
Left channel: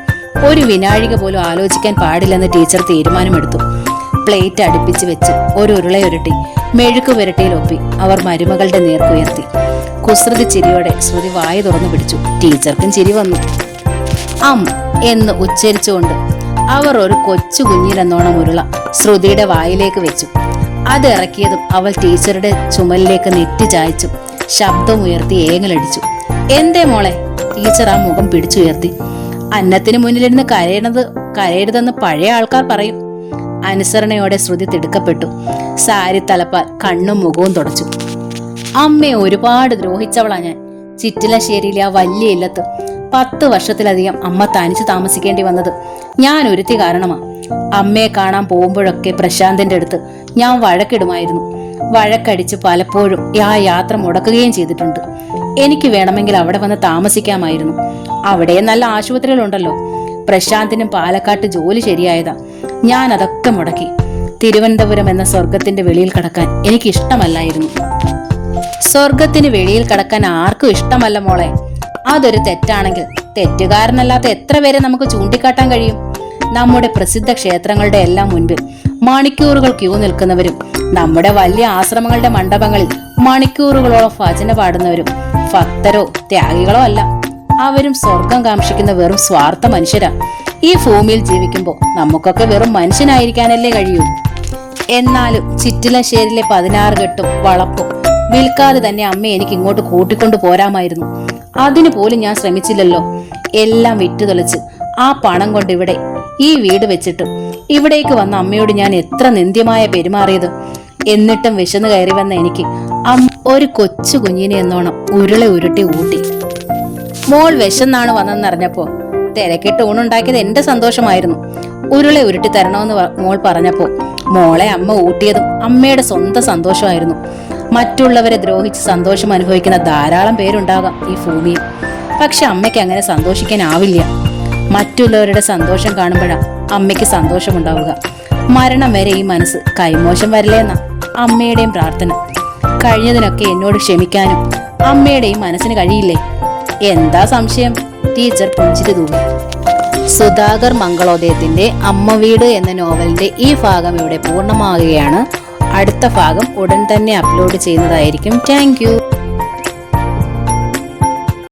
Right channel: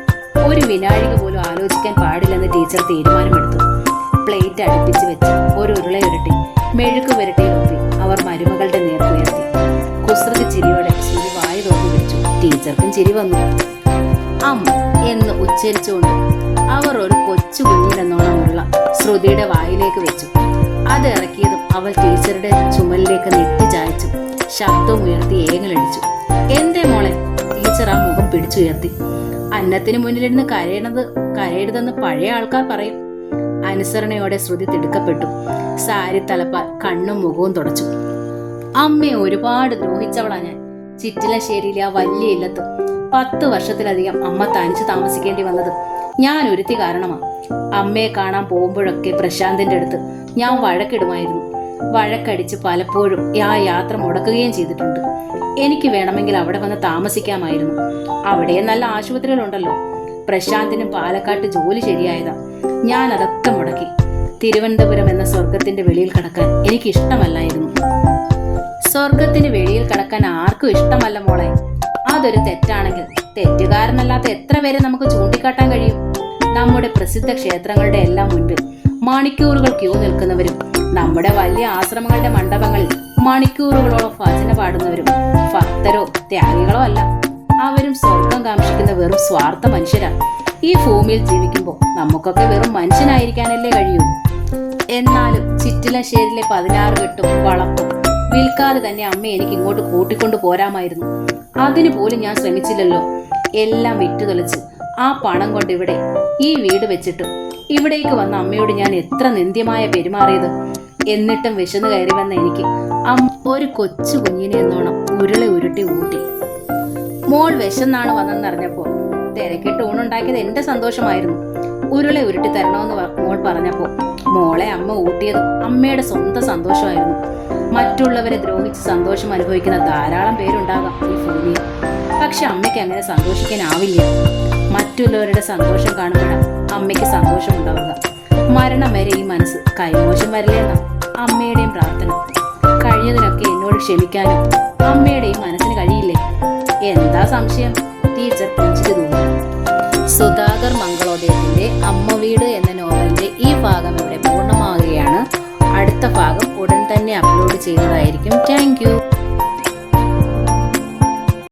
ഒരു വിനാഴിക പോലും ആലോചിക്കാൻ പാടില്ലെന്ന് ടീച്ചർ തീരുമാനമെടുത്തു. പ്ലേറ്റ് അടുപ്പിച്ച് വെച്ച് ഒരു ഉരുളയുരുട്ടി മെഴുക്ക് പുരട്ടിയിലൊപ്പി അവർ മരുമകളുടെ നേർക്കുയർത്തി. കുസൃതി ചിരിയോടെ ശ്രുതി വായ തുറന്നു പിടിച്ചു. ടീച്ചർക്കും ചിരി വന്നു. എന്ന് ഉച്ചരിച്ചുകൊണ്ട് അവർ ഒരു കൊച്ചു കുഞ്ഞിലെന്നോണം ഉരുള ശ്രുതിയുടെ വായിലേക്ക് വെച്ചു. അത് ഇറക്കിയതും അവൾ ടീച്ചറുടെ ചുമലിലേക്ക് നെറ്റി ചായച്ചു. ശബ്ദമുയർത്തി ഏങ്ങലടിച്ചു. എന്തേ മോളെ? ടീച്ചർ ആ മുഖം പിടിച്ചുയർത്തി. അന്നത്തിന് മുന്നിലിരുന്ന് കരയരുതെന്ന് പഴയ ആൾക്കാർ പറയും. അനുസരണയോടെ ശ്രുതി തിടുക്കപ്പെട്ടു. സാരി തലപ്പാൽ കണ്ണും മുഖവും തുടച്ചു. അമ്മയെ ഒരുപാട് ദ്രോഹിച്ചവളാ ഞാൻ. ചിറ്റിലശ്ശേരിയിലെ ആ വലിയ ഇല്ലത്ത് 10 വർഷത്തിലധികം അമ്മ തനിച്ച് താമസിക്കേണ്ടി വന്നത് ഞാൻ ഒരുത്തി കാരണമാ. അമ്മയെ കാണാൻ പോകുമ്പോഴൊക്കെ പ്രശാന്തിന്റെ അടുത്ത് ഞാൻ വഴക്കിടുമായിരുന്നു. വഴക്കടിച്ച് പലപ്പോഴും ആ യാത്ര മുടക്കുകയും ചെയ്തിട്ടുണ്ട്. എനിക്ക് വേണമെങ്കിൽ അവിടെ വന്ന് താമസിക്കാമായിരുന്നു. അവിടെ നല്ല ആശുപത്രികളുണ്ടല്ലോ. പ്രശാന്തിനും പാലക്കാട്ട് ജോലി ശരിയായതാ. ഞാൻ അതൊക്കെ മുടക്കി. തിരുവനന്തപുരം എന്ന സ്വർഗത്തിന്റെ വെളിയിൽ കടക്കാൻ എനിക്ക് ഇഷ്ടമല്ലായിരുന്നു. സ്വർഗത്തിന് വെളിയിൽ കടക്കാൻ ആർക്കും ഇഷ്ടമല്ല മോളെ. അതൊരു തെറ്റാണെങ്കിൽ തെറ്റുകാരനല്ലാത്ത എത്ര പേരെ നമുക്ക് ചൂണ്ടിക്കാട്ടാൻ കഴിയും? നമ്മുടെ പ്രസിദ്ധ ക്ഷേത്രങ്ങളുടെ എല്ലാം മുൻപിൽ മണിക്കൂറുകൾ ക്യൂ നിൽക്കുന്നവരും നമ്മുടെ വലിയ ആശ്രമങ്ങളുടെ മണ്ഡപങ്ങളിൽ മണിക്കൂറുകളോളം ഭജന പാടുന്നവരും ഭക്തരോ ത്യാഗികളോ അല്ല. അവരും സ്വർഗം കാക്ഷിക്കുന്ന വെറും സ്വാർത്ഥ മനുഷ്യരാ. ഈ ഭൂമിയിൽ ജീവിക്കുമ്പോൾ നമുക്കൊക്കെ വെറും മനുഷ്യനായിരിക്കാനല്ലേ കഴിയൂ. എന്നാലും ചിറ്റിലശ്ശേരിയിലെ 16 കെട്ടും വളപ്പും വിൽക്കാതെ തന്നെ അമ്മ എനിക്ക് ഇങ്ങോട്ട് കൂട്ടിക്കൊണ്ടു പോരാമായിരുന്നു. അതിനു പോലും ഞാൻ ശ്രമിച്ചില്ലല്ലോ. എല്ലാം വിറ്റുതൊളിച്ച് ആ പണം കൊണ്ട് ഇവിടെ ഈ വീട് വെച്ചിട്ട് ഇവിടേക്ക് വന്ന അമ്മയോട് ഞാൻ എത്ര നിന്ദ്യമായ പെരുമാറിയത്. എന്നിട്ടും വിശന്നു കയറി വന്ന എനിക്ക് ഒരു കൊച്ചു കുഞ്ഞിനെ എന്നോണം ഉരുട്ടി ഊട്ടി. മോൾ വിശന്നാണ് വന്നെന്നറിഞ്ഞപ്പോ തിരക്കിട്ട് ഊണുണ്ടാക്കിയത് എന്റെ സന്തോഷമായിരുന്നു. ഉരുട്ടി തരണമെന്ന് മോൾ പറഞ്ഞപ്പോ മോളെ അമ്മ ഊട്ടിയതും അമ്മയുടെ സ്വന്തം സന്തോഷമായിരുന്നു. മറ്റുള്ളവരെ ദ്രോഹിച്ച് സന്തോഷം അനുഭവിക്കുന്ന ധാരാളം പേരുണ്ടാകാം ഈ ഭൂമിയിൽ. പക്ഷെ അമ്മയ്ക്ക് അങ്ങനെ സന്തോഷിക്കാനാവില്ല. മറ്റുള്ളവരുടെ സന്തോഷം കാണുമ്പോഴാണ് അമ്മയ്ക്ക് സന്തോഷമുണ്ടാവുക. മരണം വരെ ഈ മനസ്സ് കൈമോശം വരില്ലെന്ന അമ്മയുടെയും പ്രാർത്ഥന. കഴിഞ്ഞതിനൊക്കെ എന്നോട് ക്ഷമിക്കാനും അമ്മയുടെയും മനസ്സിന് കഴിയില്ലേ? എന്താ സംശയം? ടീച്ചർ പുഞ്ചിരി തൂങ്ങി. സുധാകർ മംഗളോദയത്തിന്റെ അമ്മ വീട് എന്ന നോവലിന്റെ ഈ ഭാഗം ഇവിടെ പൂർണ്ണമാവുകയാണ്. അടുത്ത ഭാഗം ഉടൻ തന്നെ അപ്ലോഡ് ചെയ്യുന്നതായിരിക്കും. Thank you.